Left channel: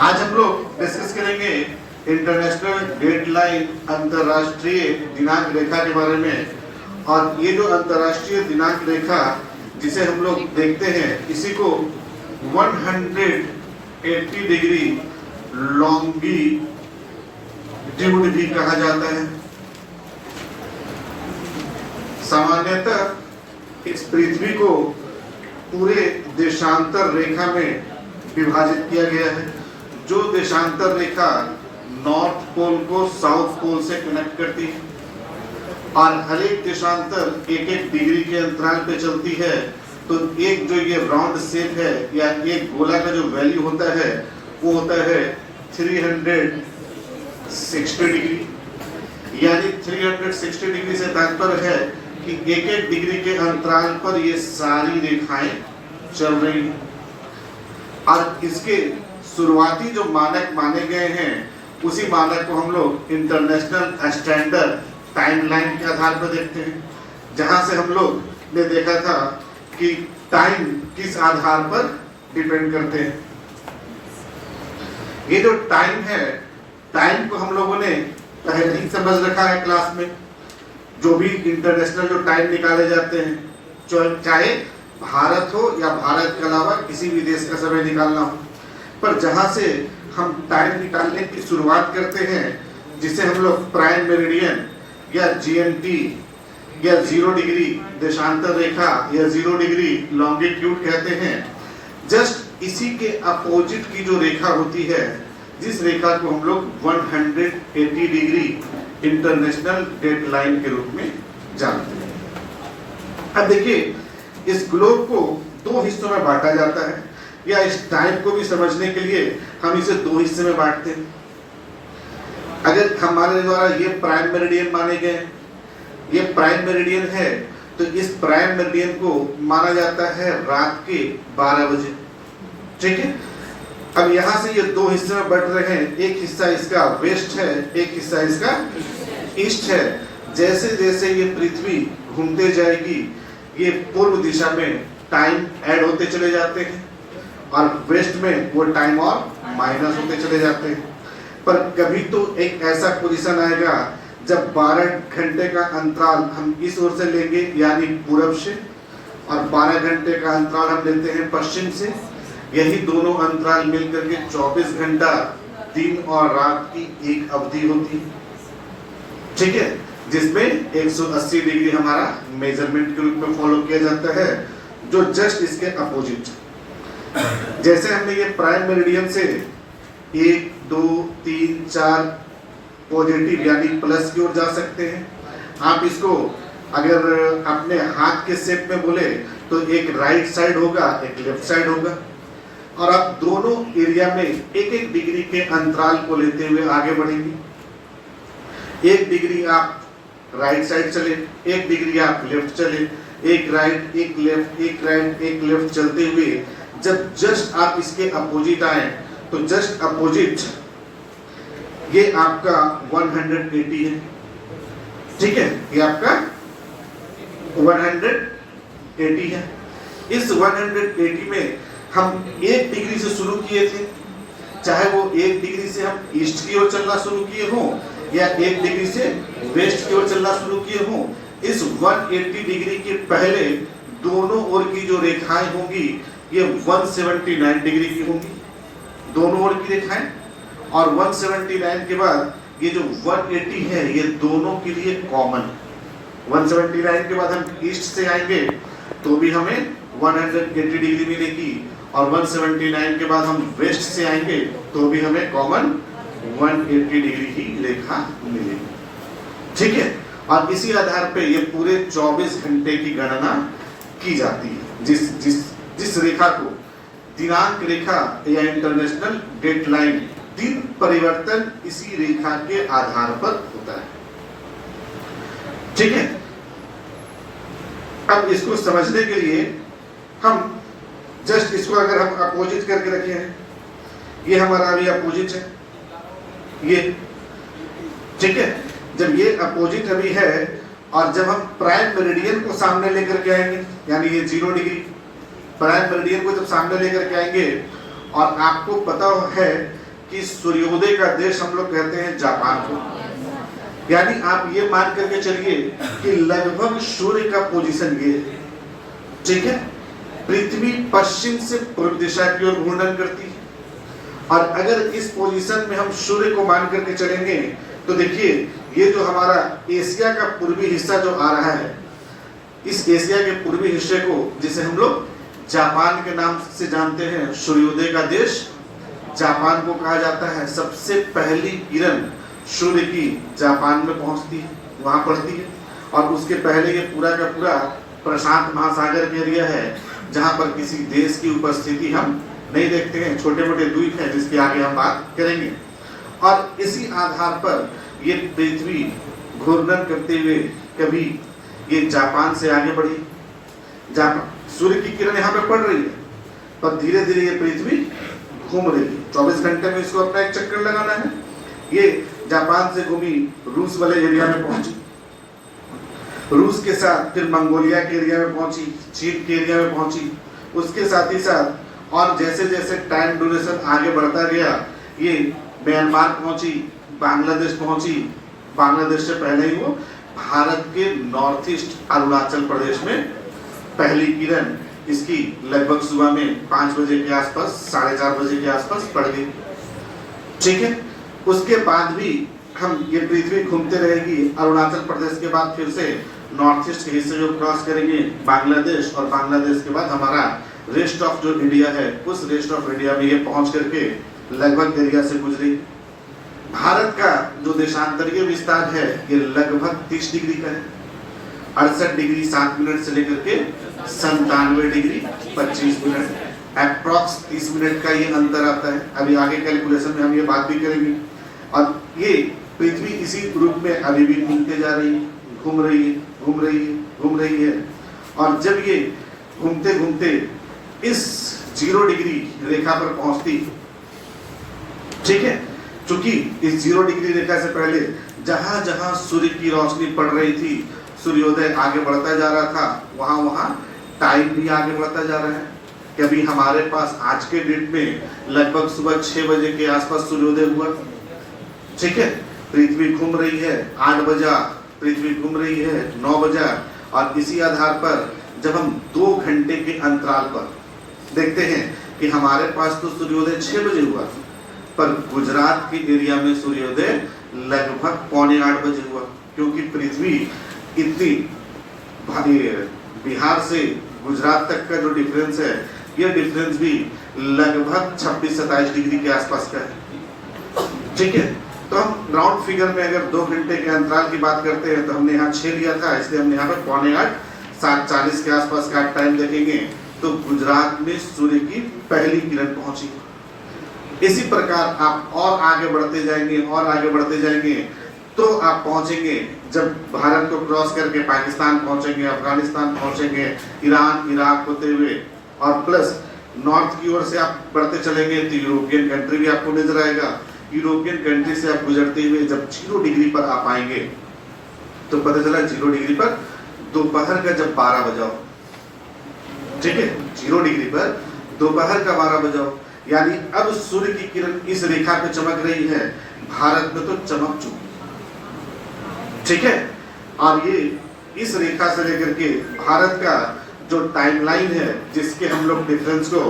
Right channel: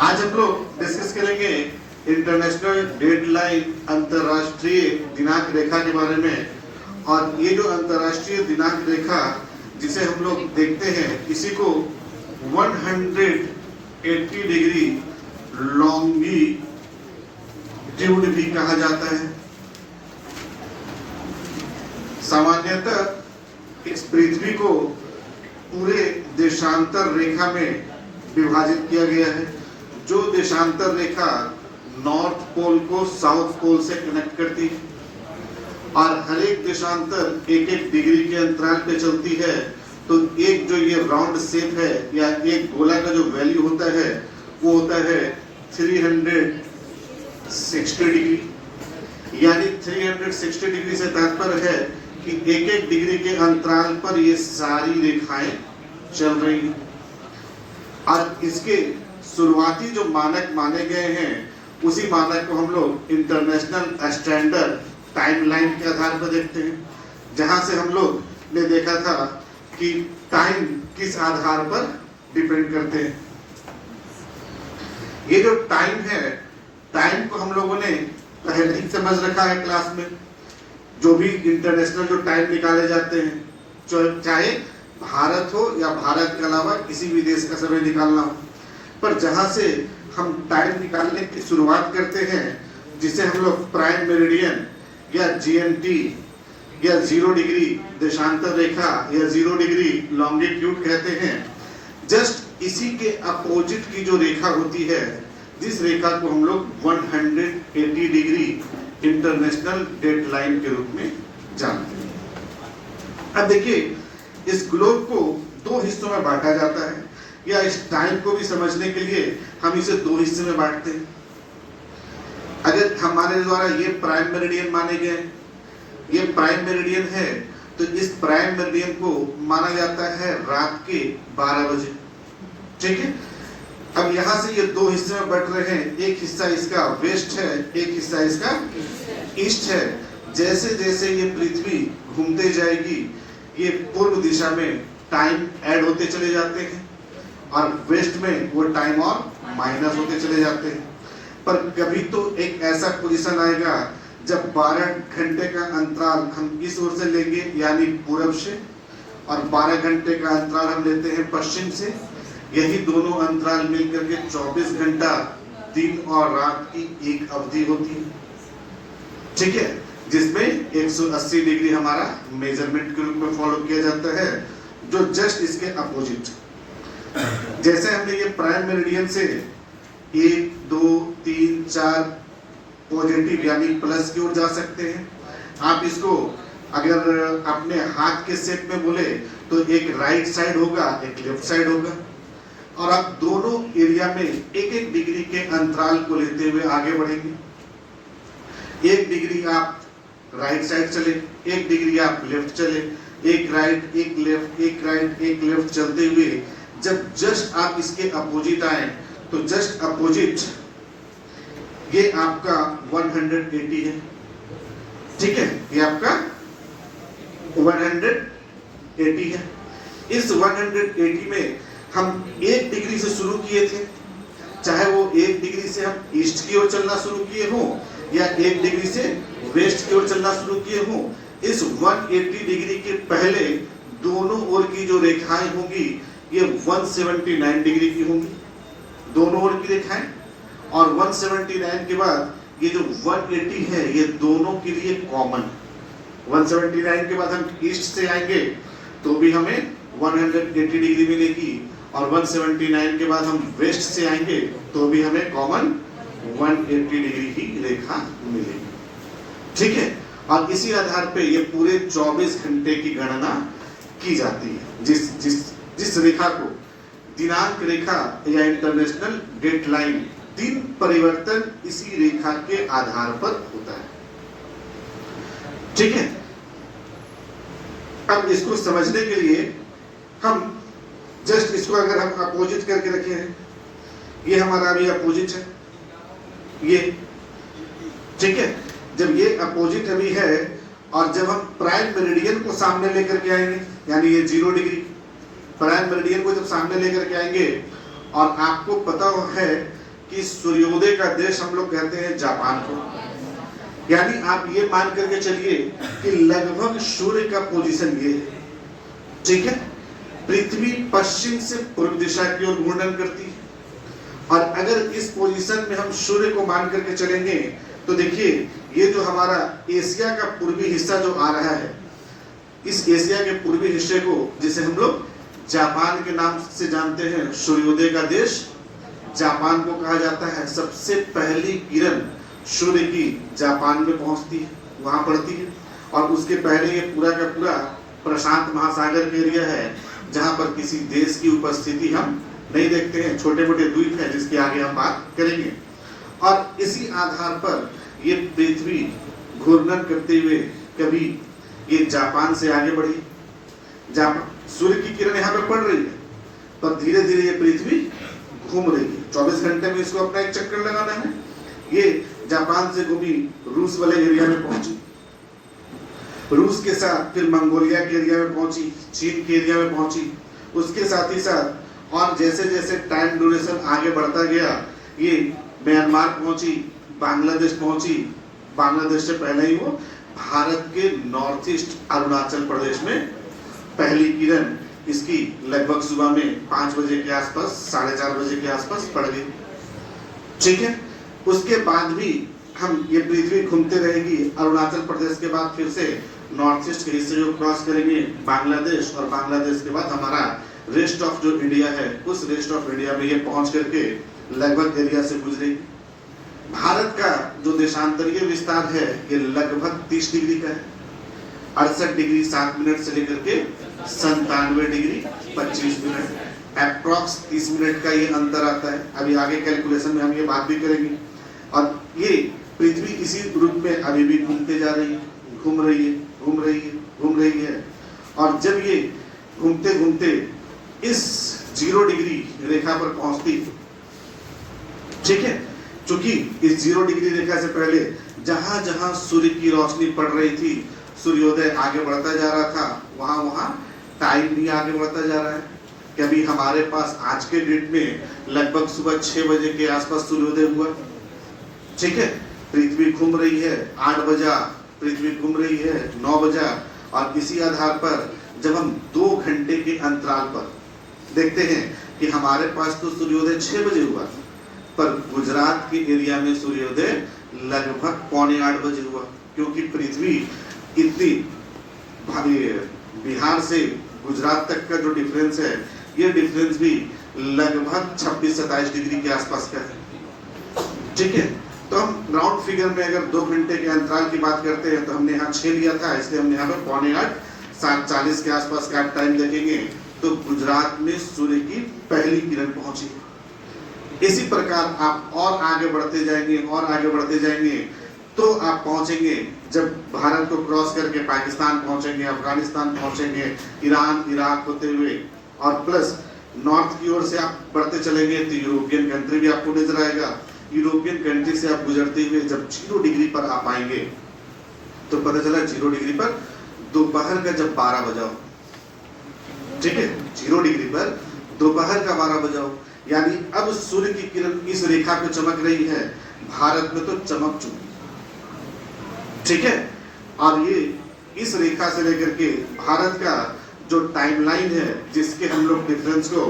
आज हम लोग डिस्कस करेंगे इंटरनेशनल डेडलाइन, अंतरराष्ट्रीय दिनांक रेखा के बारे में। और ये जो अंतरराष्ट्रीय दिनांक रेखा जिसे हम लोग देखते हैं, इसी को 180 डिग्री लॉन्गिट्यूड भी कहा जाता है। सामान्यतः इस पृथ्वी को पूरे देशांतर रेखा में विभाजित किया गया है। जो देशांतर रेखा नॉर्थ पोल को साउथ पोल से कनेक्ट करती है और हर एक देशांतर एक एक डिग्री के अंतराल पे चलती है, तो एक जो ये राउंड शेप है या एक गोला का जो वैल्यू होता है वो होता है 360 डिग्री। यानी 360 डिग्री से तात्पर्य है कि एक एक डिग्री के अंतराल पर ये सारी रेखाएं चल रही हैं। और इसके शुरुआती जो मानक माने गए हैं, उसी मानक को हम लोग इंटरनेशनल स्टैंडर्ड टाइमलाइन के आधार पर देखते हैं, जहां से हम लोग ने देखा था कि टाइम किस आधार पर डिपेंड करते हैं। ये जो टाइम है, टाइम को हम लोगों ने पहले ही समझ रखा है क्लास में। जो भी इंटरनेशनल जो टाइम निकाले जाते हैं, चाहे भारत हो या भारत के अलावा किसी भी देश का समय निकालना हो, पर जहां से हम टाइम निकालने की शुरुआत करते हैं, जिसे हम लोग प्राइम मेरिडियन या जीएमटी या 0 डिग्री देशांतर रेखा या 0 डिग्री लॉन्गिट्यूड कहते हैं, जस्ट इसी के अपोजिट की जो रेखा होती है, जिस रेखा को हम लोग 180 डिग्री इंटरनेशनल डेडलाइन के रूप में जानते हैं। अब देखिए, इस ग्लोब को 2 हिस्सों में बांटा जाता है, या इस टाइम को भी समझने के लिए हम इसे 2 हिस्से में बांटते हैं। अगर हमारे द्वारा ये प्राइम मेरिडियन माने गए, ये प्राइम मेरिडियन है, तो इस प्राइम मेरिडियन को माना जाता है रात के 12 बजे। ठीक है। अब यहाँ से ये 2 हिस्से में बट रहे हैं, एक हिस्सा इसका वेस्ट है, एक हिस्सा इसका ईस्ट है। जैसे जैसे ये पृथ्वी घूमते जाएगी, ये पूर्व दिशा में टाइम ऐड होते चले जाते हैं और वेस्ट में वो टाइम और माइनस होते चले जाते हैं। पर कभी तो एक ऐसा पोजीशन आएगा जब 12 घंटे का अंतराल हम इस ओर से लेंगे, यानी पूरब से, और 12 घंटे का अंतराल हम लेते हैं पश्चिम से। यही दोनों अंतराल मिलकर के 24 घंटा दिन और रात की एक अवधि होती है। ठीक है, जिसमें 180 डिग्री हमारा मेजरमेंट के रूप में फॉलो किया जाता है, जो जस्ट इसके अपोजिट। जैसे हमने ये प्राइम मेरिडियन से 1, 2, 3, 4 पॉजिटिव यानी प्लस की ओर जा सकते हैं। आप इसको अगर अपने हाथ के शेप में बोले तो एक राइट साइड होगा, एक लेफ्ट साइड होगा, और आप दोनों एरिया में एक एक डिग्री के अंतराल को लेते हुए आगे बढ़ेंगे। 1 डिग्री आप राइट साइड चले, 1 डिग्री आप लेफ्ट चले, एक राइट, एक लेफ्ट, एक राइट, एक लेफ्ट चलते हुए जब जस्ट आप इसके अपोजिट आए, तो जस्ट अपोजिट ये आपका 180 है। ठीक है, ये आपका 180 है। इस 180 में हम 1 डिग्री से शुरू किए थे, चाहे वो 1 डिग्री से हम ईस्ट की ओर चलना शुरू किए हों या 1 डिग्री से वेस्ट की ओर चलना शुरू किए हों। इस 180 डिग्री के पहले दोनों ओर की जो रेखाएं होंगी, ये 179 डिग्री की होंगी, दोनों ओर की रेखाएं। और 179 के बाद ये जो 180 है, ये दोनों के लिए कॉमन है। 179 के बाद हम ईस्ट से आएंगे तो भी हमें 180 डिग्री मिलेगी, और 179 के बाद हम वेस्ट से आएंगे तो भी हमें कॉमन 180 डिग्री ही रेखा मिलेगी। ठीक है, और इसी आधार पे ये पूरे 24 घंटे की गणना की जाती है। जिस रेखा को दिनांक रेखा या इंटरनेशनल डेडलाइन, दिन परिवर्तन इसी रेखा के आधार पर होता है। ठीक है। अब इसको समझने के लिए हम जस्ट इसको अगर हम अपोजिट करके रखे हैं, ये हमारा अभी अपोजिट है, ये। ठीक है, जब ये अपोजिट अभी है और जब हम प्राइम मेरिडियन को सामने लेकर के आएंगे, यानी ये 0 डिग्री प्राइम मेरिडियन को जब सामने लेकर के आएंगे, और आपको पता है कि सूर्योदय का देश हम लोग कहते हैं जापान को। यानी आप ये मान करके चलिए कि लगभग सूर्य का पोजीशन ये है, ठीक है। पृथ्वी पश्चिम से पूर्व दिशा की ओर घूर्णन करती है, और अगर इस पोजीशन में हम सूर्य को मान करके चलेंगे तो देखिए ये जो हमारा एशिया का पूर्वी हिस्सा जो आ रहा है, इस एशिया के पूर्वी हिस्से को जिसे हम लोग जापान के नाम से जानते हैं, सूर्योदय का देश जापान को कहा जाता है। सबसे पहली किरण सूर्य की जापान में पहुंचती है, वहां पड़ती है, और उसके पहले ये पूरा का पूरा प्रशांत महासागर के एरिया है, जहां पर किसी देश की उपस्थिति हम नहीं देखते हैं, छोटे मोटे द्वीप हैं जिसके आगे हम बात करेंगे। और इसी आधार पर ये पृथ्वी घूर्णन करते हुए कभी ये जापान से आगे बढ़ी, जापान सूर्य की किरण यहाँ पे पड़ रही है, पर धीरे धीरे ये पृथ्वी घूम रही है। 24 घंटे में इसको अपना एक चक्कर लगाना है। ये जापान से घूमी रूस वाले एरिया में पहुंची, रूस के साथ फिर मंगोलिया के एरिया में पहुंची, चीन के एरिया में पहुंची, उसके साथ ही साथ और जैसे जैसे टाइम ड्यूरेशन आगे बढ़ता गया ये म्यांमार पहुंची, बांग्लादेश पहुंची, बांग्लादेश से पहले ही वो भारत के नॉर्थ ईस्ट अरुणाचल प्रदेश में पहली किरण इसकी लगभग सुबह में 5 बजे के आसपास, 4:30 बजे के आसपास पड़ गई, ठीक है। उसके बाद भी हम ये पृथ्वी घूमते रहेगी, अरुणाचल प्रदेश के बाद फिर से नॉर्थ ईस्ट के हिस्से जो क्रॉस करेंगे बांग्लादेश, और बांग्लादेश के बाद हमारा रेस्ट ऑफ जो इंडिया है, उस रेस्ट ऑफ इंडिया में ये पहुंच करके लगभग एरिया से गुजरी। भारत का जो देशांतरीय विस्तार है ये लगभग 30 डिग्री का है, 68 डिग्री 7 मिनट से लेकर के 97 डिग्री 25 मिनट, अप्रॉक्स 30 मिनट का ये अंतर आता है। अभी आगे कैलकुलेशन में हम ये बात भी करेंगे। और ये पृथ्वी इसी रूप में अभी भी घूमते जा रही है, घूम रही है, घूम रही है, घूम रही है। और जब ये घूमते घूमते इस 0 डिग्री रेखा पर पहुंचती, ठीक है, क्योंकि इस 0 डिग्री रेखा से पहले जहां जहां सूर्य की रोशनी पड़ रही थी, सूर्योदय आगे बढ़ता जा रहा था, वहां वहां टाइम भी आगे बढ़ता जा रहा है। कभी हमारे पास आज के डेट में लगभग सुबह 6 बजे के आसपास सूर्योदय हुआ, ठीक है। पृथ्वी घूम रही है 8 बजा, पृथ्वी घूम रही है 9 बजा, और इसी आधार पर जब हम 2 घंटे के अंतराल पर देखते हैं कि हमारे पास तो सूर्योदय 6 बजे हुआ, पर गुजरात के एरिया में सूर्योदय लगभग 7:45 बजे हुआ, क्योंकि पृथ्वी इतनी भारी, बिहार से गुजरात तक का जो डिफरेंस है, यह डिफरेंस भी लगभग 26-27 डिग्री के आसपास का है, ठीक है। तो हम राउंड फिगर में अगर 2 घंटे के अंतराल की बात करते हैं तो हमने यहाँ 6 लिया था, इसलिए हमने यहाँ पर 7:45 7:40 के आसपास का टाइम देखेंगे तो गुजरात में सूर्य की पहली किरण पहुंची। इसी प्रकार आप और आगे बढ़ते जाएंगे और आगे बढ़ते जाएंगे तो आप पहुंचेंगे, जब भारत को क्रॉस करके पाकिस्तान पहुंचेंगे, अफगानिस्तान पहुंचेंगे, ईरान, इराक होते हुए, और प्लस नॉर्थ की ओर से आप बढ़ते चलेंगे तो यूरोपियन कंट्री भी आपको नजर आएगा। यूरोपियन कंट्री से आप गुजरते हुए जब 0 डिग्री पर आप आएंगे तो पता चला 0 डिग्री पर दोपहर का जब 12 बजा हो, ठीक है, 0 डिग्री पर दोपहर का 12 बजा हो, यानी अब सूर्य की किरण इस रेखा पे चमक रही है, भारत में तो चमक चुकी, ठीक है। और ये इस रेखा से लेकर के भारत का जो टाइमलाइन है, जिसके हम लोग डिफरेंस को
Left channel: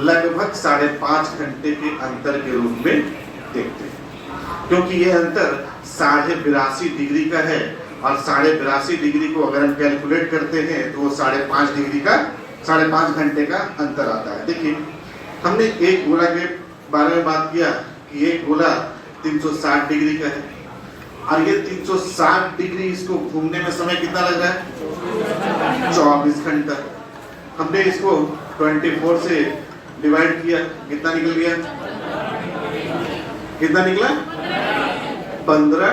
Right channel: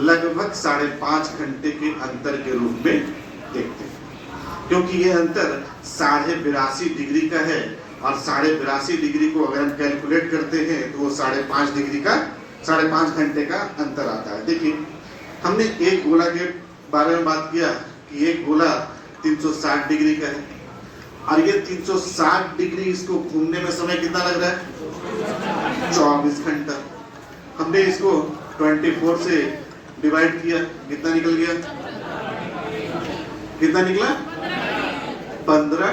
लगभग 5.5 घंटे के अंतर के रूप में देखते हैं, क्योंकि ये अंतर 82.5 डिग्री का है, और 82.5 डिग्री को अगर हम कैलकुलेट करते हैं तो वो 5.5 डिग्री का 5.5 घंटे का अंतर आता है। देखिए हमने एक गोला के बारे में बात किया कि एक गोला 360 डिग्री का है, और ये 360 डिग्री इसको घूमने में समय कितना लग रहा है? 24 घंटा। हमने इसको 24 से डिवाइड किया, कितना निकल गया? कितना निकला? 15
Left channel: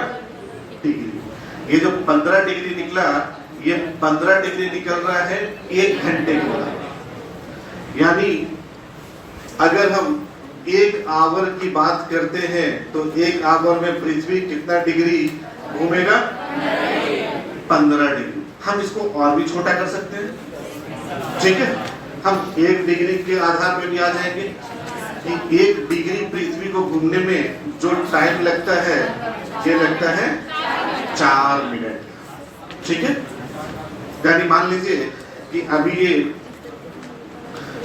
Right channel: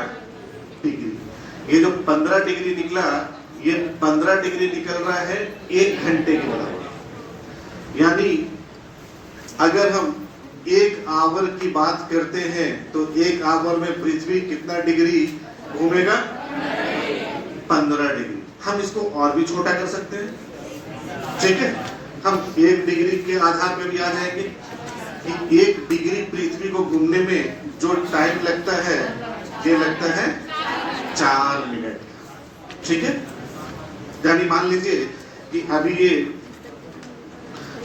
डिग्री। ये जो 15 डिग्री निकला, ये 15 डिग्री निकल रहा है 1 घंटे के बाद। यानी अगर हम 1 आवर की बात करते हैं तो 1 आवर में पृथ्वी कितना डिग्री घूमेगा? 15 डिग्री। हम इसको और भी छोटा कर सकते हैं, ठीक है। हम 1 डिग्री के आधार पर भी आ जाएंगे कि 1 डिग्री पृथ्वी को घूमने में जो टाइम लगता है ये लगता है 4 मिनट। ठीक है, यानी मान लीजिए कि अभी ये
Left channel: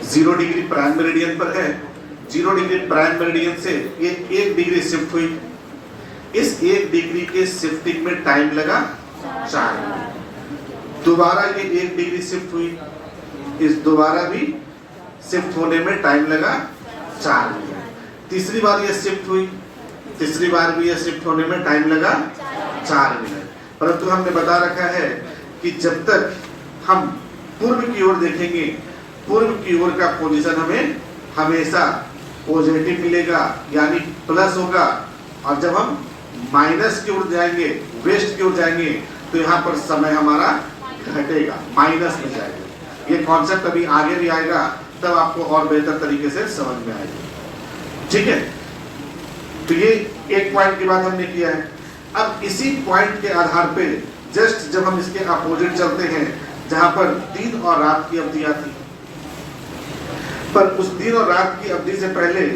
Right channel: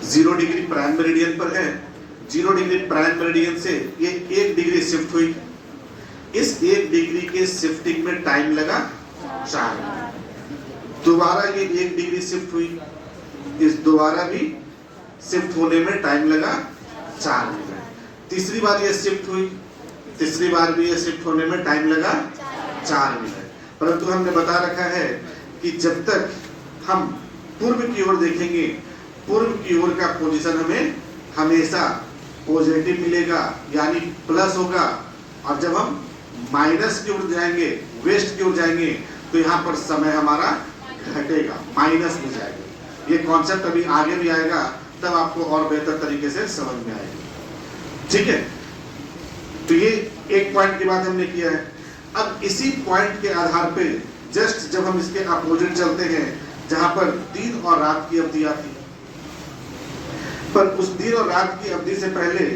0 डिग्री प्राइम मेरिडियन पर है, 0 डिग्री प्राइम मेरिडियन से ये 1 डिग्री शिफ्ट हुई, इस 1 डिग्री के शिफ्टिंग में टाइम लगा 4 मिनट। दोबारा ये 1 डिग्री शिफ्ट हुई, इस दोबारा भी शिफ्ट होने में टाइम लगा 4 मिनट। तीसरी बार ये शिफ्ट हुई, तीसरी बार भी ये शिफ्ट होने में टाइम लगा 4 मिनट। परंतु हमने बता रखा है कि जब तक हम पूर्व की ओर देखेंगे, पूर्व की ओर का पोजीशन हमें हमेशा पॉजिटिव मिलेगा, यानी प्लस होगा, और जब हम माइनस की ओर जाएंगे, वेस्ट की ओर जाएंगे, तो यहाँ पर समय हमारा घटेगा, माइनस में जाएगा। ये कॉन्सेप्ट अभी आगे भी आएगा, तब आपको और बेहतर तरीके से समझ में आएगा। ठीक है, तो ये एक पॉइंट की बात हमने किया है। अब इसी पॉइंट के आधार पे जस्ट जब हम इसके अपोजिट चलते हैं, जहां पर दिन और रात की अवधि आती है, पर उस दिन और रात की अवधि से पहले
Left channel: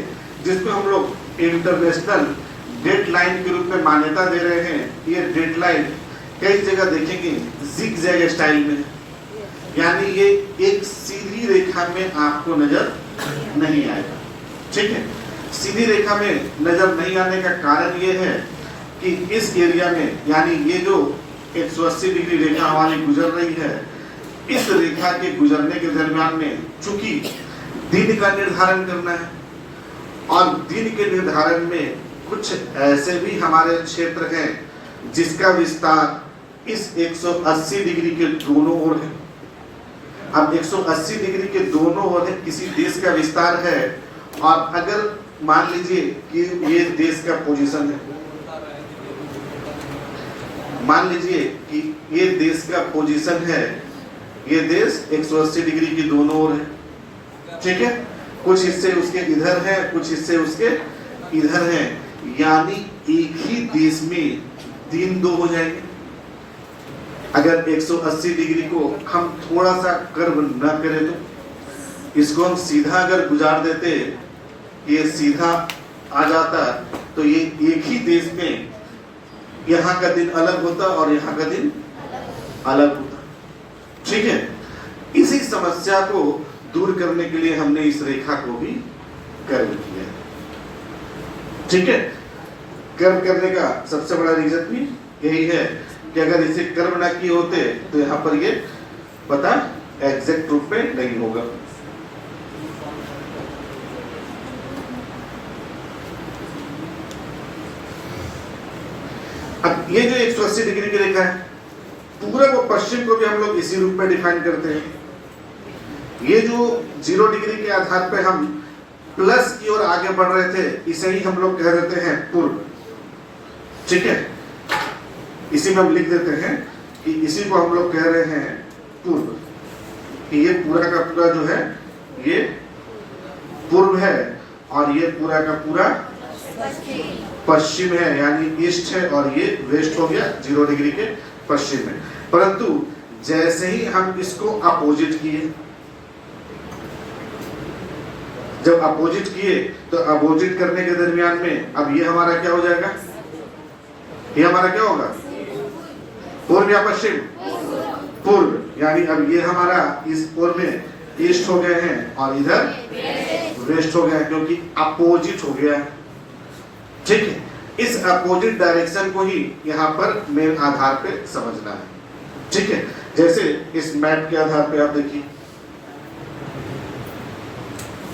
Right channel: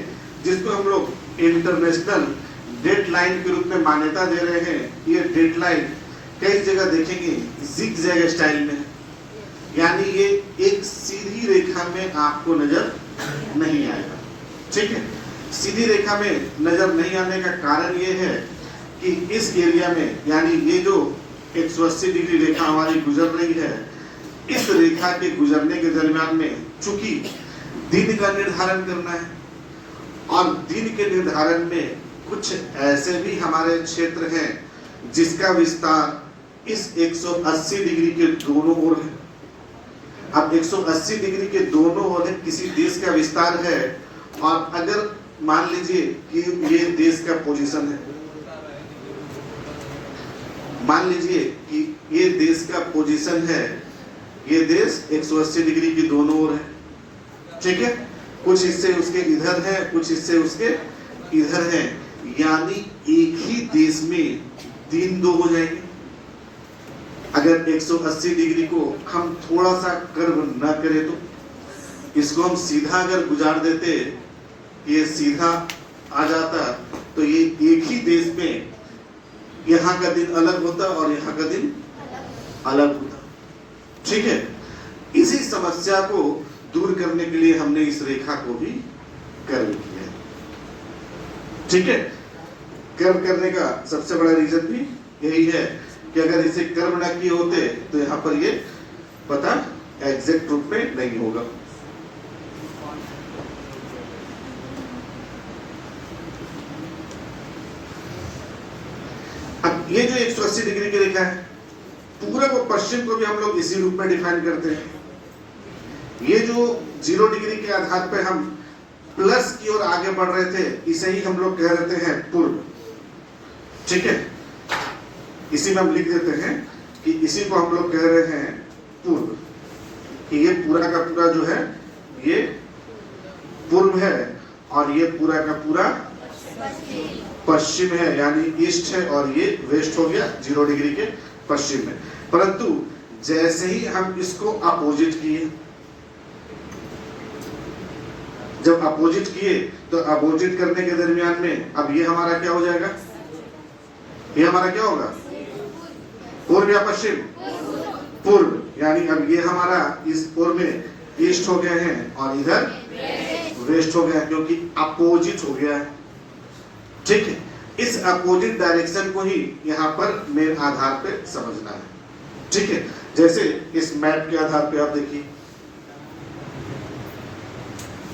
जिसको हम लोग इंटरनेशनल डेडलाइन के रूप में मान्यता दे रहे हैं, ये डेडलाइन कई जगह देखेंगे जिग-जैग स्टाइल में, यानी ये एक सीधी रेखा में आपको नजर नहीं आएगा। ठीक है, सीधी रेखा में नजर नहीं आने का कारण ये है कि इस एरिया में, यानी ये जो 180 डिग्री रेखा हमारी गुजर रही है, इस रेखा के गुजरने के दरमियान में चूंकि दिन का निर्धारण करना है, और दिन के निर्धारण में कुछ ऐसे भी हमारे क्षेत्र हैं जिसका विस्तार इस 180 डिग्री के दोनों ओर है। अब 180 डिग्री के दोनों ओर किसी देश का विस्तार है, और अगर मान लीजिए कि ये देश का पोजीशन है, मान लीजिए कि ये देश का पोजीशन है, ये देश 180 डिग्री की दोनों ओर है। ठीक है, कुछ हिस्से उसके इधर हैं, कुछ हिस्से उसके इधर हैं, यानी एक ही देश में दिन दो हो जाएंगे। अगर 180 डिग्री को हम थोड़ा सा कर्व न करें तो इसको हम सीधा अगर गुजार देते, ये सीधा आ जाता, तो ये एक ही देश में यहाँ का दिन अलग होता और यहाँ का दिन अलग होता। ठीक है, इसी समस्या को दूर करने के लिए हमने इस रेखा को भी कर्व किया है। ठीक है, कर्व करने का सबसे बड़ा रीजन भी यही है कि अगर इसे कर्व ना किए होते तो यहाँ पर ये पता एग्जैक्ट रूप में नहीं होगा। अब ये जो 180 डिग्री की रेखा है, पूरब और पश्चिम को भी हम लोग इसी रूप में डिफाइन करते हैं। ये जो 0 डिग्री के आधार पे हम प्लस की ओर आगे बढ़ रहे थे, इसे ही हम लोग कह देते हैं पूर्व। ठीक है, इसी में हम लिख देते हैं कि इसी को हम लोग कह रहे हैं पूर्व, कि ये पूरा का पूरा जो है ये पूर्व है, और ये पूरा का पूरा पश्चिम है, यानी ईस्ट है, और ये वेस्ट हो गया 0 डिग्री के पश्चिम में। परंतु जैसे ही हम इसको अपोजिट किए, जब अपोजिट किए तो अपोजिट करने के दरमियान में अब ये हमारा क्या हो जाएगा, ये हमारा क्या होगा, पूर्व या पश्चिम, पूर्व, यानी अब ये हमारा इस पूर्व में ईस्ट हो गए हैं और इधर वेस्ट हो गया, क्योंकि अपोजिट हो गया। ठीक है, इस अपोजिट डायरेक्शन को ही यहाँ पर मेन आधार पे समझना है। ठीक है, जैसे इस मैप के आधार पे आप देखिए,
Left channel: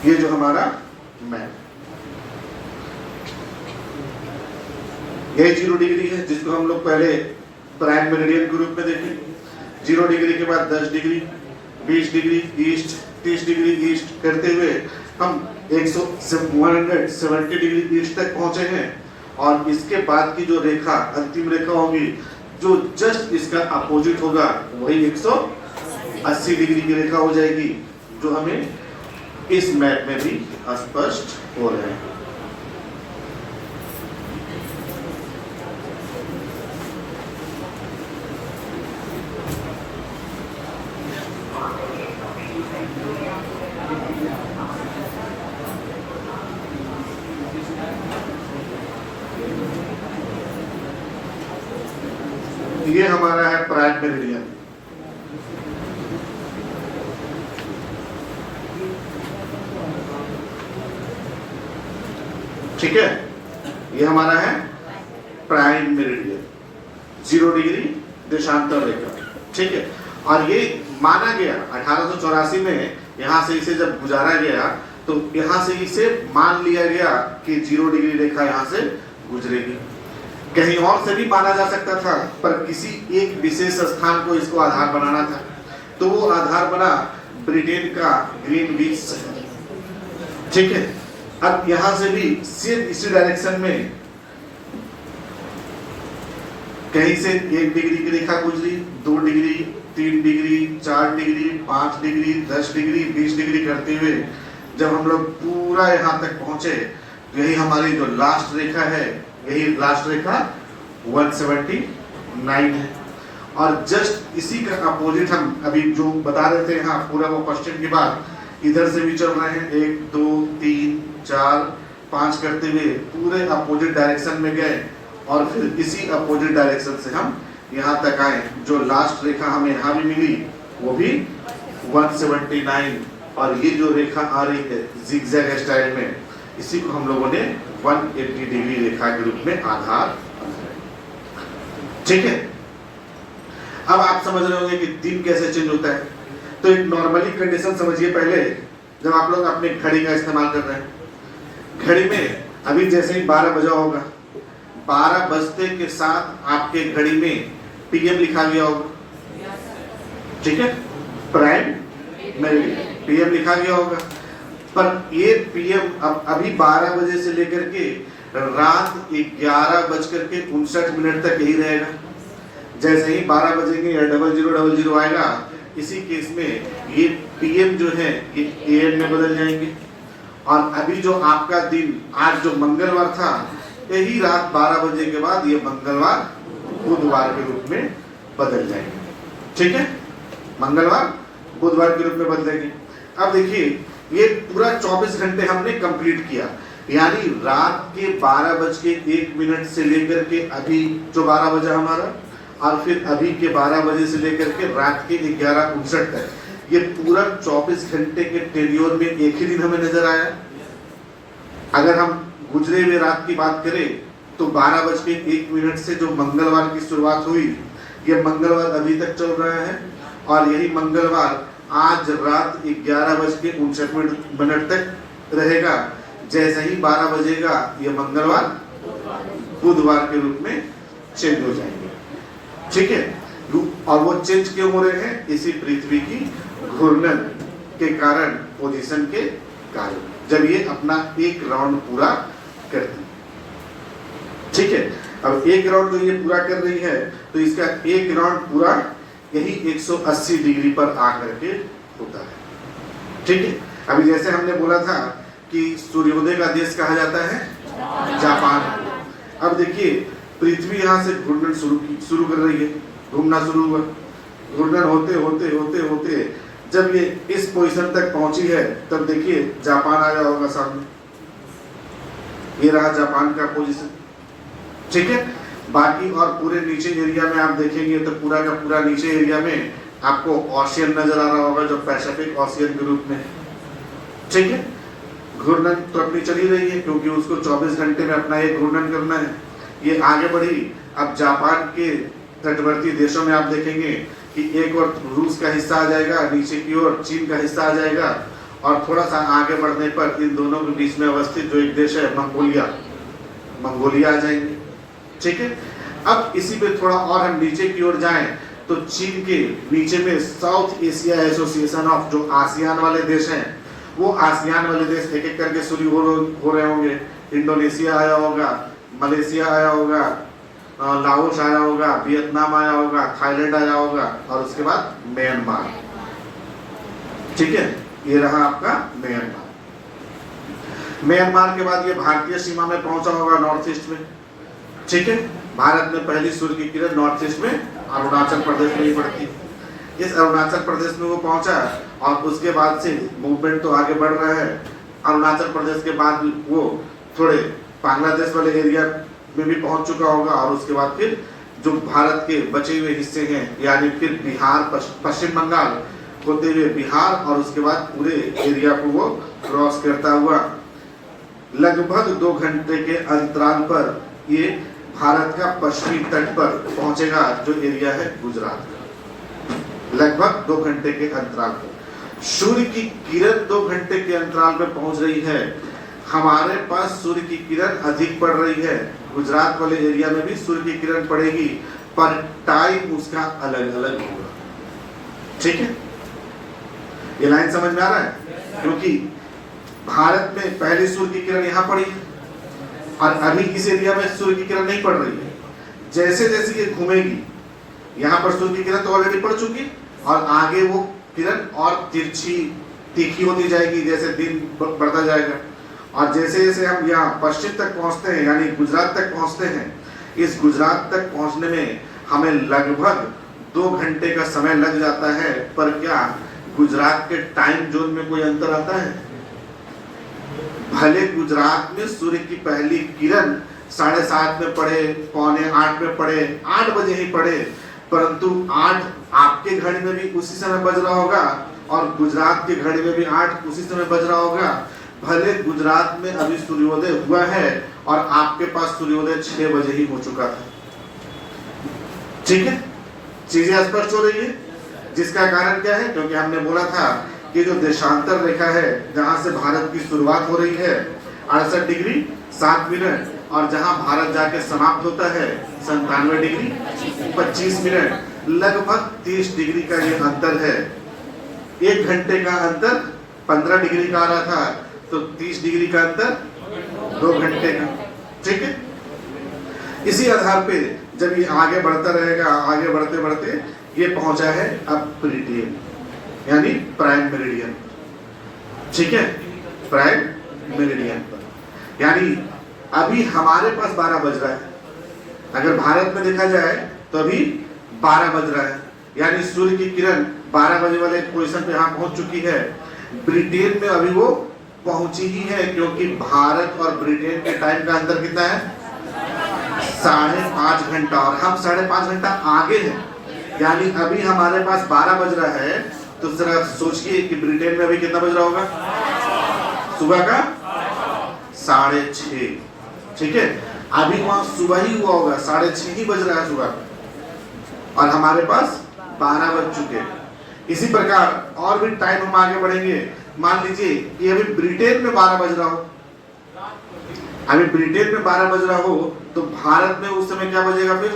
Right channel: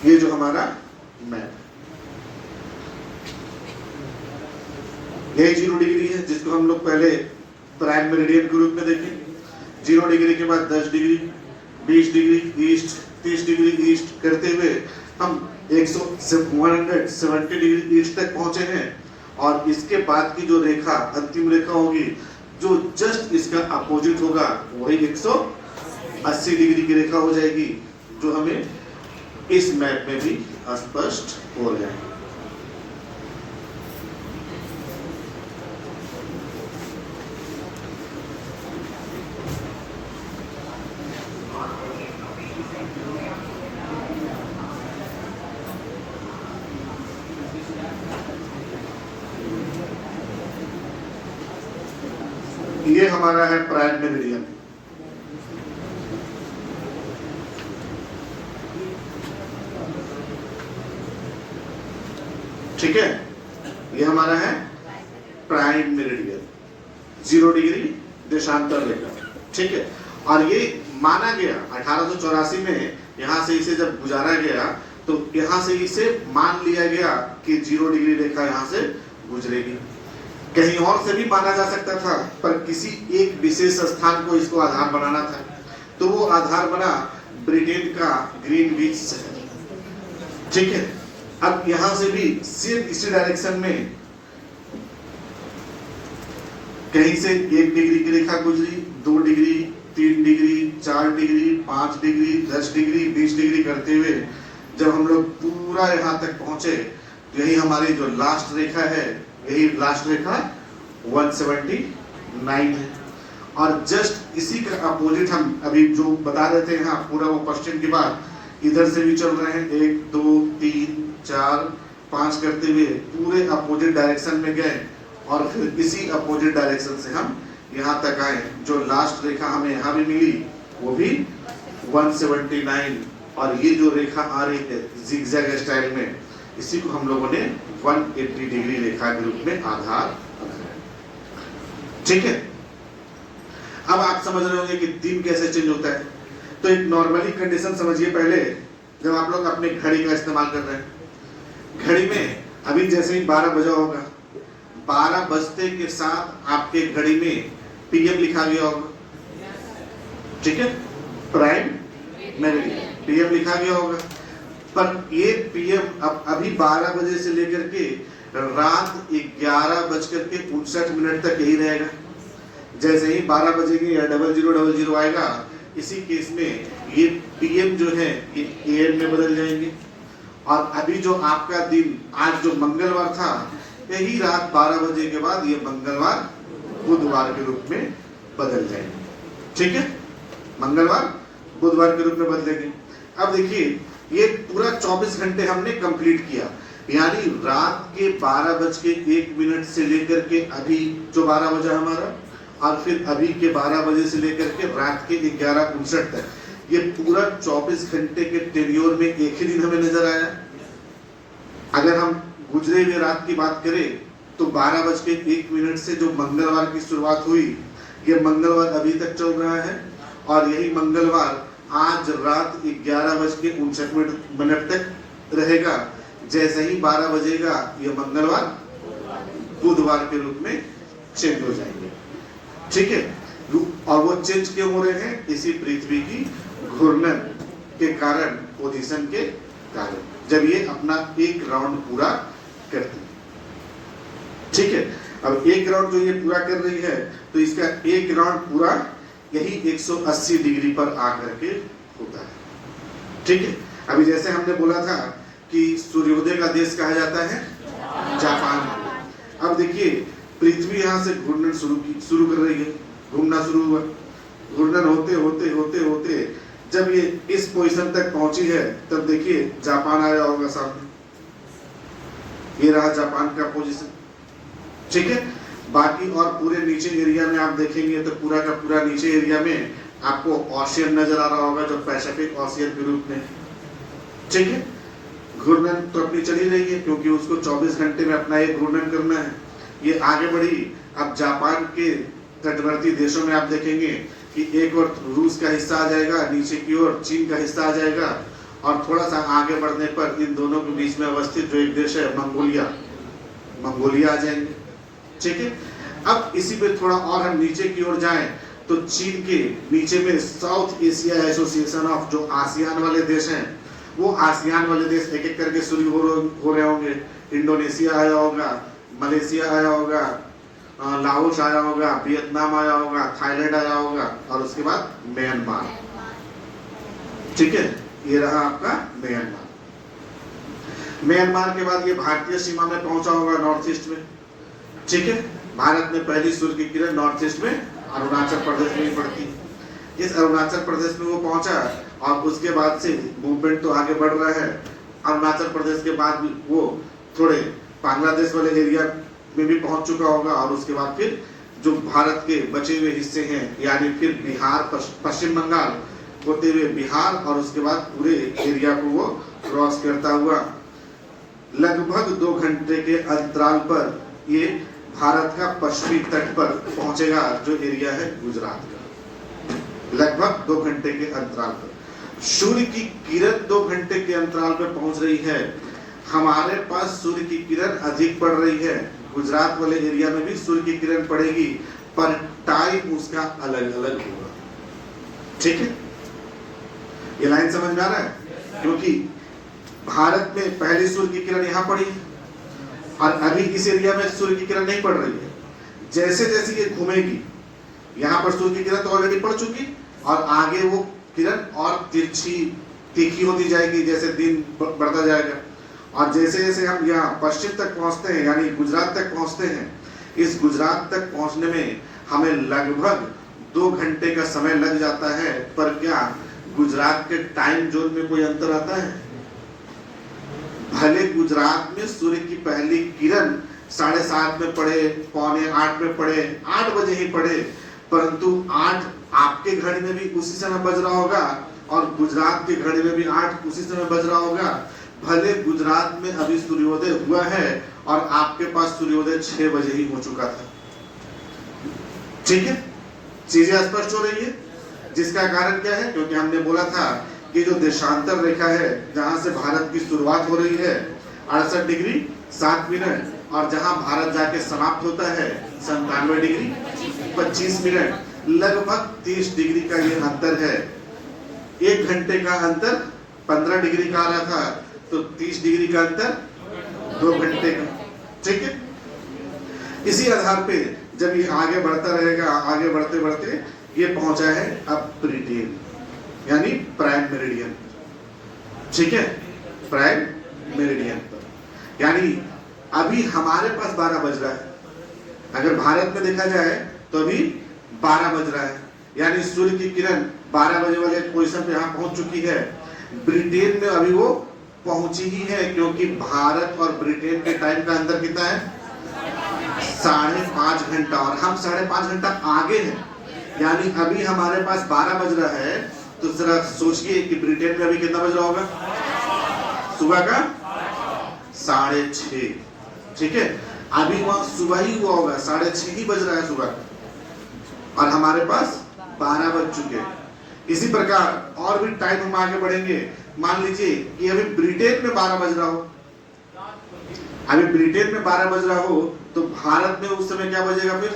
ये जो हमारा मैप, यही 0 डिग्री है, जिसको हम लोग पहले प्राइम मेरिडियन के रूप में देखें। 0 डिग्री के बाद 10 degree, 20 degree east, 30 degree east करते हुए हम 170 डिग्री ईस्ट तक पहुंचे हैं, और इसके बाद की जो रेखा, अंतिम रेखा होगी, जो जस्ट इसका अपोजिट होगा, वही 180 डिग्री की रेखा हो जाएगी, जो हमें इस मैप में भी स्पष्ट हो रहे हैं। ये हमारा है प्राइम मेरिडियन। ठीक है, ये हमारा है प्राइम मेरिडियन, 0 डिग्री देशांतर रेखा। ठीक है, और ये माना गया 1884 में, यहां से इसे जब गुजारा गया तो यहां से इसे मान लिया गया कि 0 डिग्री रेखा यहां से गुजरेगी। कहीं और से भी माना जा सकता था, पर किसी एक विशेष स्थान को इसको आधार बनाना था, तो वो आधार बना ब्रिटेन का ग्रीनविच शहर। ठीक है, अब यहां से भी सेम इसी डायरेक्शन में कहीं से 1 डिग्री की रेखा गुजरी, 2 degree, 3 degree, 4 degree, 5 degree, 10 degree, 20 degree करते हुए जब हम लोग पूरा यहाँ तक पहुंचे, यही हमारी जो लास्ट रेखा है, यही लास्ट रेखा 179 है। और जस्ट इसी का अपोजिट हम अभी जो बता रहे थे यहाँ पूरा वो क्वेश्चन के बाद इधर से भी चल रहे हैं, 1 2 3 4 5 करते हुए पूरे अपोजिट डायरेक्शन में गए और फिर इसी अपोजिट डायरेक्शन से हम यहाँ तक आए। जो लास्ट रेखा हमें यहाँ भी मिली वो भी 179, और ये जो रेखा आ रही है जिगजैग स्टाइल में, इसी को हम लोगों ने 180 डिग्री रेखा के रूप में आधार। ठीक है, अब आप समझ रहे होंगे कि दिन कैसे चेंज होता है। तो एक नॉर्मली कंडीशन समझिए, पहले जब आप लोग अपने घड़ी का इस्तेमाल कर रहे हैं, घड़ी में अभी जैसे ही 12 बजा होगा, 12 बजते के साथ आपके घड़ी में पीएम लिखा गया होगा। ठीक है, प्राइम मेरिडियन पीएम लिखा गया होगा, पर ये पीएम अब अभी 12 बजे से लेकर के रात 11:59 तक यही रहेगा। जैसे ही 12 बजेंगे या 0000 आएगा, इसी केस में ये पीएम जो है ये एएम में बदल जाएंगे। और अभी जो आपका दिन आज जो मंगलवार था, यही रात 12 बजे के बाद ये मंगलवार बुधवार के रूप में बदल जाएंगे। ठीक है, मंगलवार बुधवार के रूप में बदलेंगे। अब देखिए, ये पूरा 24 घंटे हमने कंप्लीट किया, यानी रात के 12:01 से लेकर के अभी जो 12 बजा हमारा, और फिर अभी के 12 बजे से लेकर के रात के 11:59 तक, ये पूरा 24 घंटे के टेन्योर में एक ही दिन हमें नजर आया। अगर हम गुजरे हुए रात की बात करें तो 12:01 से जो मंगलवार की शुरुआत हुई, ये मंगलवार अभी तक चल रहा है, और यही मंगलवार आज रात 11:59 तक रहेगा। जैसे ही 12 बजेगा ये मंगलवार बुधवार के रूप में चेंज हो जाएंगे। ठीक है, और वो चेंज क्यों हो रहे हैं? इसी पृथ्वी की घूर्णन के कारण, पोजीशन के कारण, जब ये अपना एक राउंड पूरा करती है। ठीक है, अब एक राउंड जो ये पूरा कर रही है, तो इसका एक राउंड पूरा यही 180 डिग्री पर आकर के होता है। ठीक है, अभी जैसे हमने बोला था कि सूर्योदय का देश कहा जाता है जापान। अब देखिए, पृथ्वी यहाँ से घूर्णन शुरू कर रही है, घूमना शुरू हुआ, घूर्णन होते होते होते होते जब ये इस पोजीशन तक पहुंची है, तब देखिए जापान आया होगा सामने, ये रहा जापान का पोजीशन। ठीक है, बाकी और पूरे नीचे एरिया में आप देखेंगे तो पूरा का पूरा नीचे एरिया में आपको ओशियन नजर आ रहा होगा, जो पैसिफिक ओशियन के रूप में। ठीक है, घूर्णन तो अपनी चली रही है, क्योंकि उसको 24 घंटे में अपना एक घूर्णन करना है। ये आगे बढ़ी, अब जापान के तटवर्ती देशों में आप देखेंगे कि एक और रूस का हिस्सा आ जाएगा, नीचे की ओर चीन का हिस्सा आ जाएगा, और थोड़ा सा आगे बढ़ने पर इन दोनों के बीच में अवस्थित जो एक देश है मंगोलिया आ जाएंगे। ठीक है, अब इसी पे थोड़ा और हम नीचे की ओर जाएं तो चीन के नीचे में साउथ एशिया एसोसिएशन ऑफ, जो आसियान वाले देश हैं, वो आसियान वाले देश एक एक करके शुरू हो रहे होंगे। इंडोनेशिया आया होगा, मलेशिया आया होगा, लाओस आया होगा, वियतनाम आया होगा, थाईलैंड आया होगा, और उसके बाद म्यांमार। ठीक है, ये रहा आपका म्यांमार। म्यांमार के बाद ये भारतीय सीमा में पहुंचा होगा, नॉर्थ ईस्ट में। ठीक है, भारत में पहली सूर्य की किरण नॉर्थ ईस्ट में अरुणाचल प्रदेश में ही पड़ती। इस अरुणाचल प्रदेश में वो पहुंचा, और उसके बाद से मूवमेंट तो आगे बढ़ रहा है। अरुणाचल प्रदेश के बाद वो थोड़े बांग्लादेश वाले एरिया में भी पहुंच चुका होगा, और उसके बाद फिर जो भारत के बचे हुए हिस्से हैं, यानी फिर बिहार, पश्चिम बंगाल होते हुए बिहार और उसके बाद पूरे एरिया को वो क्रॉस करता हुआ लगभग 2 घंटे के अंतराल पर ये भारत का पश्चिमी तट पर पहुंचेगा, जो एरिया है गुजरात का। लगभग 2 घंटे के अंतराल पर सूर्य की किरण 2 घंटे के अंतराल पर पहुंच रही है। हमारे पास सूर्य की किरण अधिक पड़ रही है, गुजरात वाले एरिया में भी सूर्य की किरण पड़ेगी, पर टाइम उसका अलग अलग होगा। ठीक है, ये लाइन समझ में आ रहा है? क्योंकि भारत में पहले सूर्य की किरण यहाँ पड़ी है और अभी इस एरिया में सूर्य की किरण नहीं पड़ रही है। जैसे जैसे ये घूमेगी, यहाँ पर सूर्य की किरण तो ऑलरेडी पड़ चुकी और आगे वो किरण और तिरछी तीखी होती जाएगी जैसे दिन बढ़ता जाएगा। और जैसे जैसे हम यहाँ पश्चिम तक पहुँचते हैं, यानी गुजरात तक पहुँचते हैं, इस गुजरात तक पहुँचने में हमें लगभग 2 घंटे का समय लग जाता है। पर क्या गुजरात के टाइम जोन में कोई अंतर आता है? भले गुजरात में सूर्य की पहली किरण 7:30 में पड़े, 7:45 में पड़े, 8 बजे ही पड़े, परंतु 8 आपके घड़ी में भी उसी समय बज रहा होगा और गुजरात के घड़ी में भी 8 उसी समय बज रहा होगा। भले गुजरात में अभी सूर्योदय हुआ है और आपके पास सूर्योदय 6 बजे ही हो चुका था। ठीक है, चीजें स्पष्ट हो रही है। जिसका कारण क्या है? क्योंकि हमने बोला था कि जो देशांतर रेखा है, जहां से भारत की शुरुआत हो रही है 68 डिग्री 7 मिनट, और जहां भारत जाके समाप्त होता है 97 डिग्री 25 मिनट, लगभग 30 डिग्री का ये अंतर है। 1 घंटे का अंतर 15 डिग्री का आ रहा था, तो 30 डिग्री का अंतर 2 घंटे का। ठीक है, इसी आधार पे जब ये आगे बढ़ता रहेगा, आगे बढ़ते बढ़ते ये पहुंचा है अब ब्रिटेन, यानी प्राइम मेरिडियन पर। ठीक है, प्राइम मेरिडियन पर, यानी अभी हमारे पास 12 बज रहा है। अगर भारत में देखा जाए तो अभी 12 बज रहा है, यानी सूर्य की किरण 12 बजे वाले पोजीशन पे यहाँ पहुंच चुकी है। ब्रिटेन में अभी वो पहुंची ही है, क्योंकि भारत और ब्रिटेन के टाइम का अंतर कितना है? 5.5 घंटा, और हम 5.5 घंटा आगे हैं। यानी अभी हमारे पास 12 बज रहा है, तो जरा सोचिए कि ब्रिटेन में अभी कितना बज रहा होगा? सुबह का 6:30। ठीक है, अभी वहां सुबह ही हुआ होगा, 6:30 ही बज रहा है सुबह का, और हमारे पास 12 बज चुके। इसी प्रकार और भी टाइम हम आगे बढ़ेंगे। मान लीजिए कि अभी ब्रिटेन में 12 बज रहा हो, अभी ब्रिटेन में 12 बज रहा हो, तो भारत में उस समय क्या बजेगा? फिर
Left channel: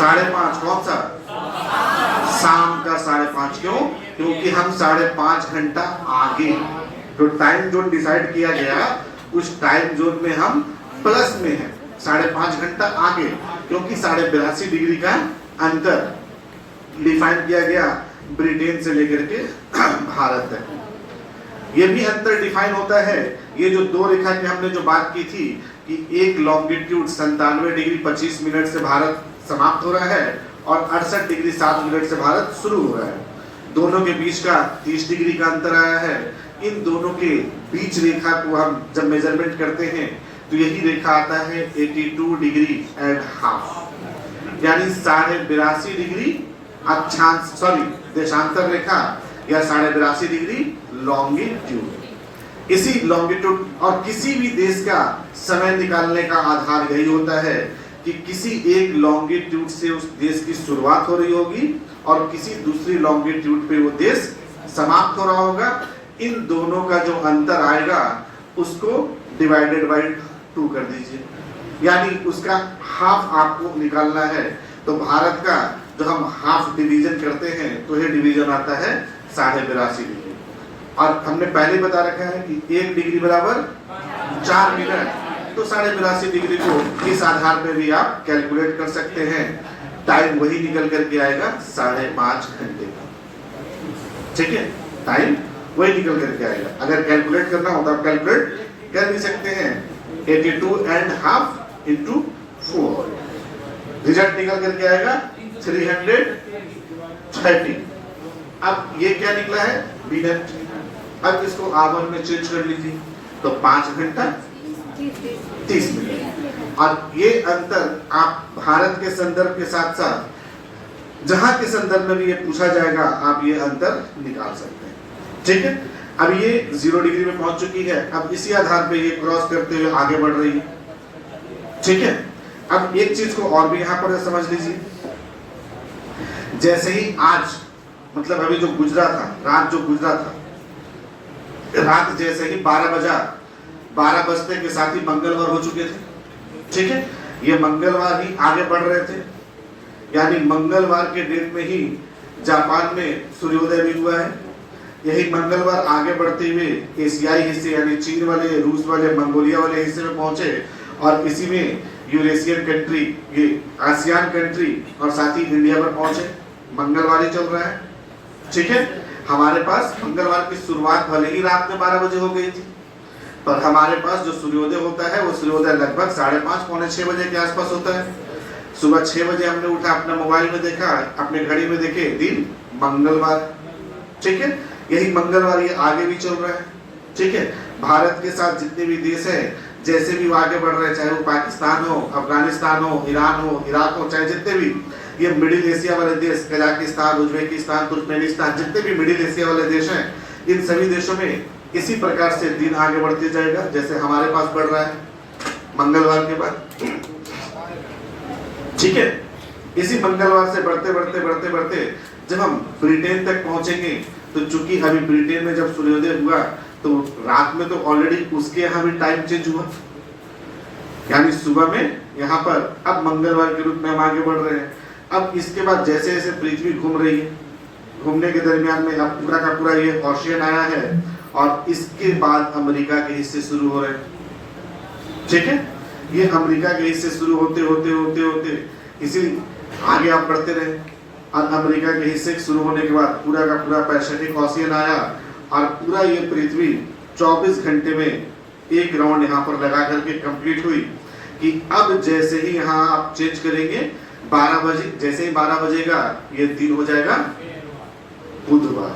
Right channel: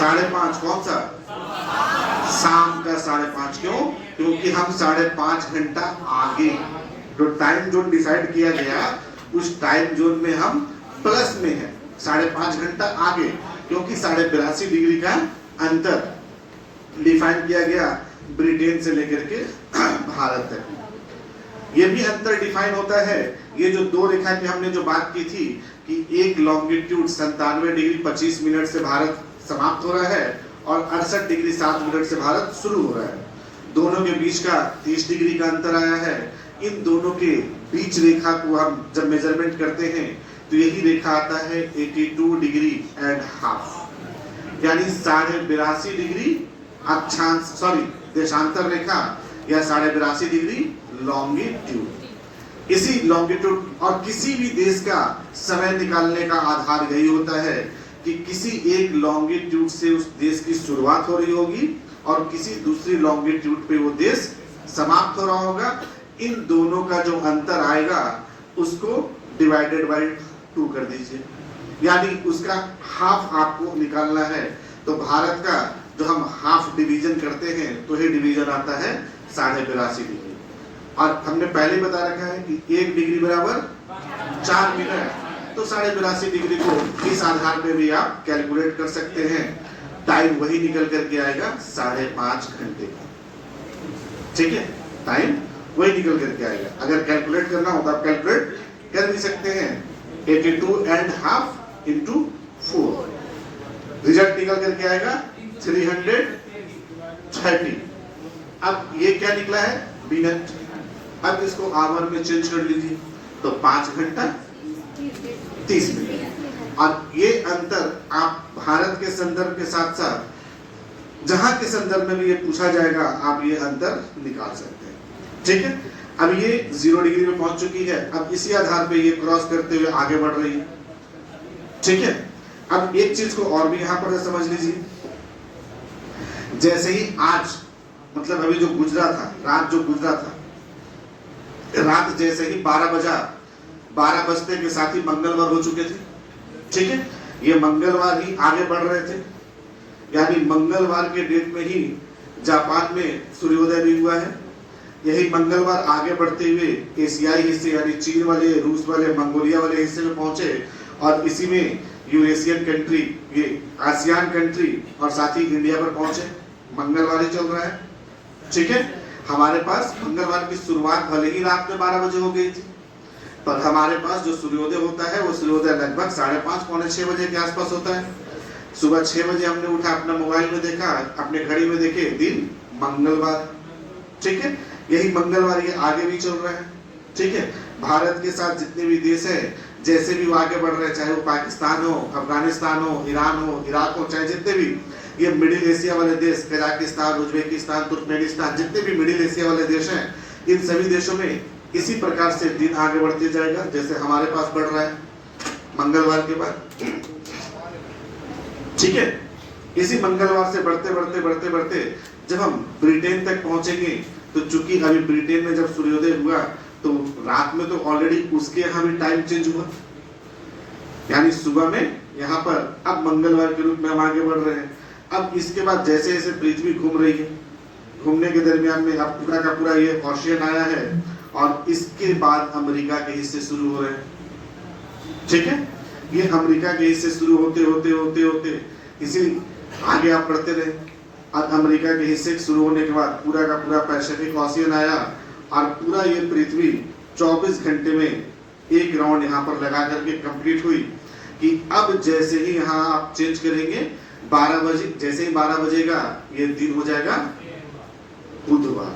5:30। कौन सा? शाम का 5:30। क्यों? क्योंकि हम 5.5 घंटा आगे, जो टाइम जोन डिसाइड किया गया उस टाइम जोन में हम प्लस में हैं, 5.5 घंटा आगे, क्योंकि 82.5 डिग्री का अंतर डिफाइन किया गया ब्रिटेन से लेकर के भारत तक। ये भी अंतर डिफाइन होता है। ये जो 2 रेखा की हमने जो बात की थी कि एक लॉन्गिट्यूड 97 डिग्री 25 मिनट से भारत समाप्त हो रहा है और 68 डिग्री 7 मिनट से भारत शुरू हो रहा है, दोनों के बीच का 30 डिग्री का अंतर आया है। इन दोनों के बीच रेखा को हम जब मेजरमेंट करते हैं तो यही रेखा आता है 82 डिग्री एंड हाफ, यानी 82.5 डिग्री अक्षांश, सॉरी देशांतर रेखा, या 82.5 डिग्री लॉन्गिट्यूड। इसी लॉन्गिट्यूड और किसी भी देश का समय निकालने का आधार यही होता है कि किसी एक लॉन्गिट्यूड से उस देश की शुरुआत हो रही होगी और किसी दूसरी लॉन्गिट्यूड पे वो देश समाप्त हो रहा होगा। इन दोनों का जो अंतर आएगा उसको डिवाइडेड बाय 2 कर दीजिए, यानी उसका हाफ आपको निकालना है। तो भारत का जो हम हाफ डिवीजन करते हैं तो ये डिवीजन आता है 82.5 डिग्री, और हमने पहले बता रखा है कि 1 डिग्री बराबर 4 मिनट, तो 82.5 डिग्री को इस आधार पे भी आप कैलकुलेट कर सकते हैं। टाइम वही निकल करके आएगा 5.5 घंटे का। ठीक है, टाइम वही निकल करके आएगा। अगर कैलकुलेट करना हो तो आप कैलकुलेट कर भी सकते हैं। 82.5 into 4, रिजल्ट निकल करके आएगा 330। अब ये क्या निकला है? मिनट। अब इसको आवर में चेंज कर लीजिए, तो 5 घंटा 30 मिनट। और ये अंतर आप भारत के संदर्भ के साथ साथ जहां के संदर्भ में भी ये पूछा जाएगा, आप ये अंतर निकाल सकते हैं। ठीक है, अब ये 0 डिग्री में पहुंच चुकी है। अब इसी आधार पे ये क्रॉस करते हुए आगे बढ़ रही है। ठीक है, अब एक चीज को और भी यहाँ पर समझ लीजिए, जैसे ही आज मतलब अभी जो गुजरा था, रात जो गुजरा था, रात जैसे ही 12 बजा, 12 बजते के साथ ही मंगलवार हो चुके थे। ठीक है, ये मंगलवार ही आगे बढ़ रहे थे, यानी मंगलवार के डेट में ही जापान में सूर्योदय भी हुआ है। यही मंगलवार आगे बढ़ते हुए एशियाई हिस्से यानी चीन वाले, रूस वाले, मंगोलिया वाले हिस्से में पहुंचे और इसी में यूरेशियन कंट्री, ये आसियान कंट्री और साथ ही इंडिया में पहुंचे। मंगलवार ही चल रहा है। ठीक है, हमारे पास मंगलवार की शुरुआत भले ही रात में 12 बजे हो गई थी, पर हमारे पास जो सूर्योदय होता है वो सूर्योदय लगभग 5:30 पौने 6 बजे के आसपास होता है। सुबह 6 बजे हमने उठा, अपना मोबाइल में देखा, अपने घड़ी में देखे दिन मंगलवार। ठीक है, यही मंगलवार ये आगे भी चल रहा है। ठीक है, भारत के साथ जितने भी देश है जैसे भी वो आगे बढ़ रहे हैं, चाहे वो पाकिस्तान हो, अफगानिस्तान हो, ईरान हो, इराक हो, चाहे जितने भी ये मिडिल एशिया वाले देश, कजाकिस्तान, उज्बेकिस्तान, तुर्कमेनिस्तान, जितने भी मिडिल एशिया वाले देश हैं, इन सभी देशों में इसी प्रकार से दिन आगे बढ़ते जाएगा जैसे हमारे पास बढ़ रहा है मंगलवार के बाद। ठीक है, इसी मंगलवार से बढ़ते बढ़ते बढ़ते बढ़ते जब हम ब्रिटेन तक पहुंचेंगे, तो चूंकि अभी ब्रिटेन में जब सूर्योदय हुआ तो रात में तो ऑलरेडी उसके यहाँ भी टाइम चेंज हुआ, यानी सुबह में यहाँ पर अब मंगलवार के रूप में हम आगे बढ़ रहे हैं। अब इसके बाद जैसे जैसे पृथ्वी घूम रही है, घूमने के दरमियान में अब पूरा का पूरा ये ओशियन आया है और इसके बाद अमेरिका के हिस्से शुरू हो रहे हैं। ठीक है, ये अमेरिका के हिस्से शुरू होते होते होते होते इसी आगे आप बढ़ते रहे और अमेरिका के हिस्से शुरू होने के बाद पूरा का पूरा पैसिफिक ओशियन आया और पूरा ये पृथ्वी 24 घंटे में एक राउंड यहाँ पर लगा करके कंप्लीट हुई कि अब जैसे ही यहाँ आप चेंज करेंगे 12 बजे, जैसे ही 12 बजेगा ये दिन हो जाएगा बुधवार।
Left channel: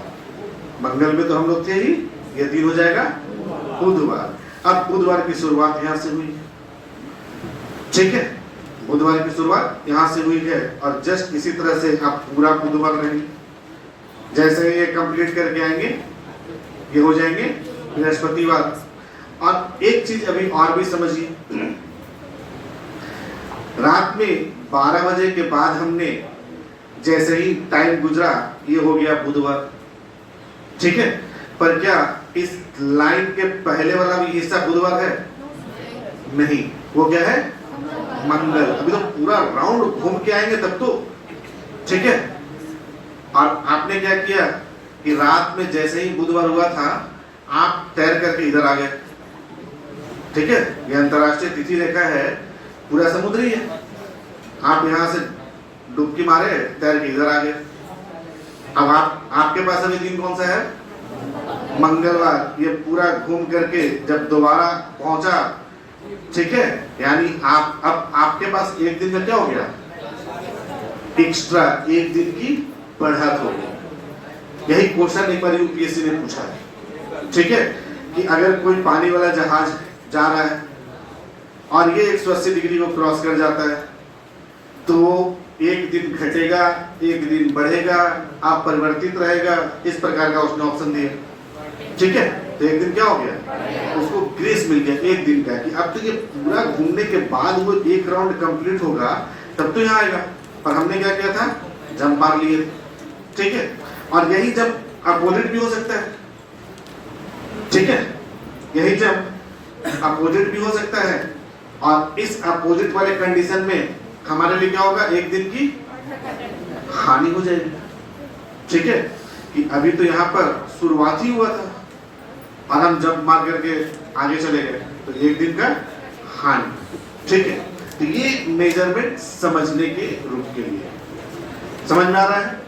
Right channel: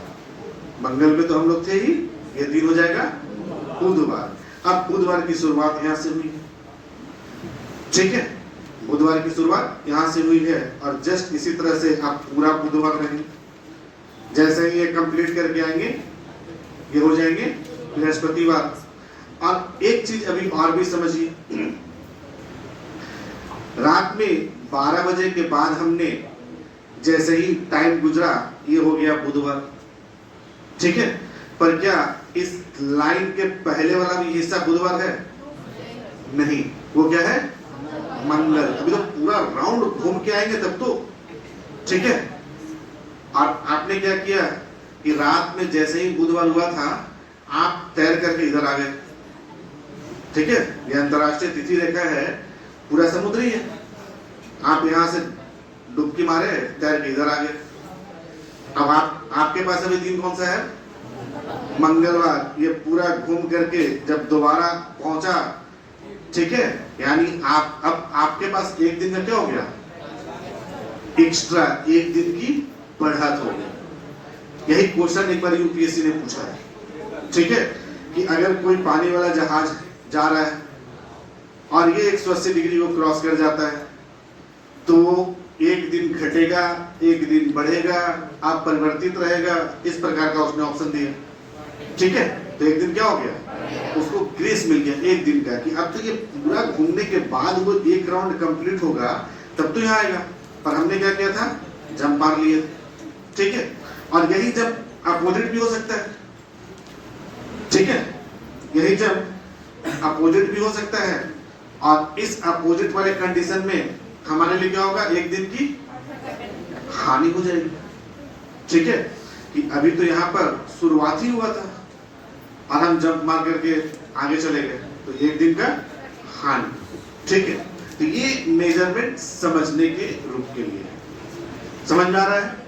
मंगल में तो हम लोग थे ही, ये दिन हो जाएगा बुधवार। अब बुधवार की शुरुआत यहाँ से हुई। ठीक है, बुधवार की शुरुआत यहाँ से हुई है और जस्ट इसी तरह से आप पूरा बुधवार रहेंगे। जैसे ही ये कंप्लीट करके आएंगे ये हो जाएंगे बृहस्पतिवार। और एक चीज अभी और भी समझिए, रात में 12 बजे के बाद हमने जैसे ही टाइम गुजरा ये हो गया बुधवार। ठीक है, पर क्या इस लाइन के पहले वाला भी हिस्सा बुधवार है? नहीं, वो क्या है? मंगल। अभी तो पूरा राउंड घूम के आएंगे तब तो। ठीक है, और आपने क्या किया कि रात में जैसे ही बुधवार हुआ था आप तैर करके इधर आ गए। ठीक है, ये अंतरराष्ट्रीय तिथि रेखा है, पूरा समुद्री है, आप यहाँ से डुबकी मारे तैर के इधर आ गए। अब आपके पास अभी दिन कौन सा है? मंगलवार। ये पूरा घूम करके जब दोबारा पहुंचा, ठीक है, यानी अब आपके पास एक दिन में क्या हो गया? एक्स्ट्रा एक दिन की बढ़त हो गई। यही क्वेश्चन एक बार यूपीएससी ने पूछा है। ठीक है, कि अगर कोई पानी वाला जहाज जा रहा है और ये 180 डिग्री को क्रॉस कर जाता है तो एक दिन घटेगा, एक दिन बढ़ेगा, आप परिवर्तित रहेगा, इस प्रकार का उसने ऑप्शन दिया। ठीक है, तो एक दिन क्या हो गया? उसको ग्रेस मिल गया एक दिन का, कि अब तो ये पूरा घूमने के बाद वो एक राउंड कंप्लीट होगा तब तो यहाँ आएगा। पर हमने क्या किया था? जंप मार लिए। ठीक है, और यही जब अपोजिट भी हो सकता है। ठीक है, यही जब अपोजिट भी हो सकता है और इस अपोजिट वाले कंडीशन में हमारे लिए क्या होगा? एक दिन की हानि हो जाएगी। ठीक है, कि अभी तो यहाँ पर शुरुआत ही हुआ था और हम जंप मार करके आगे चले गए तो एक दिन का हानि। ठीक है, तो ये मेजरमेंट समझने के रूप के लिए। समझ में आ रहा है?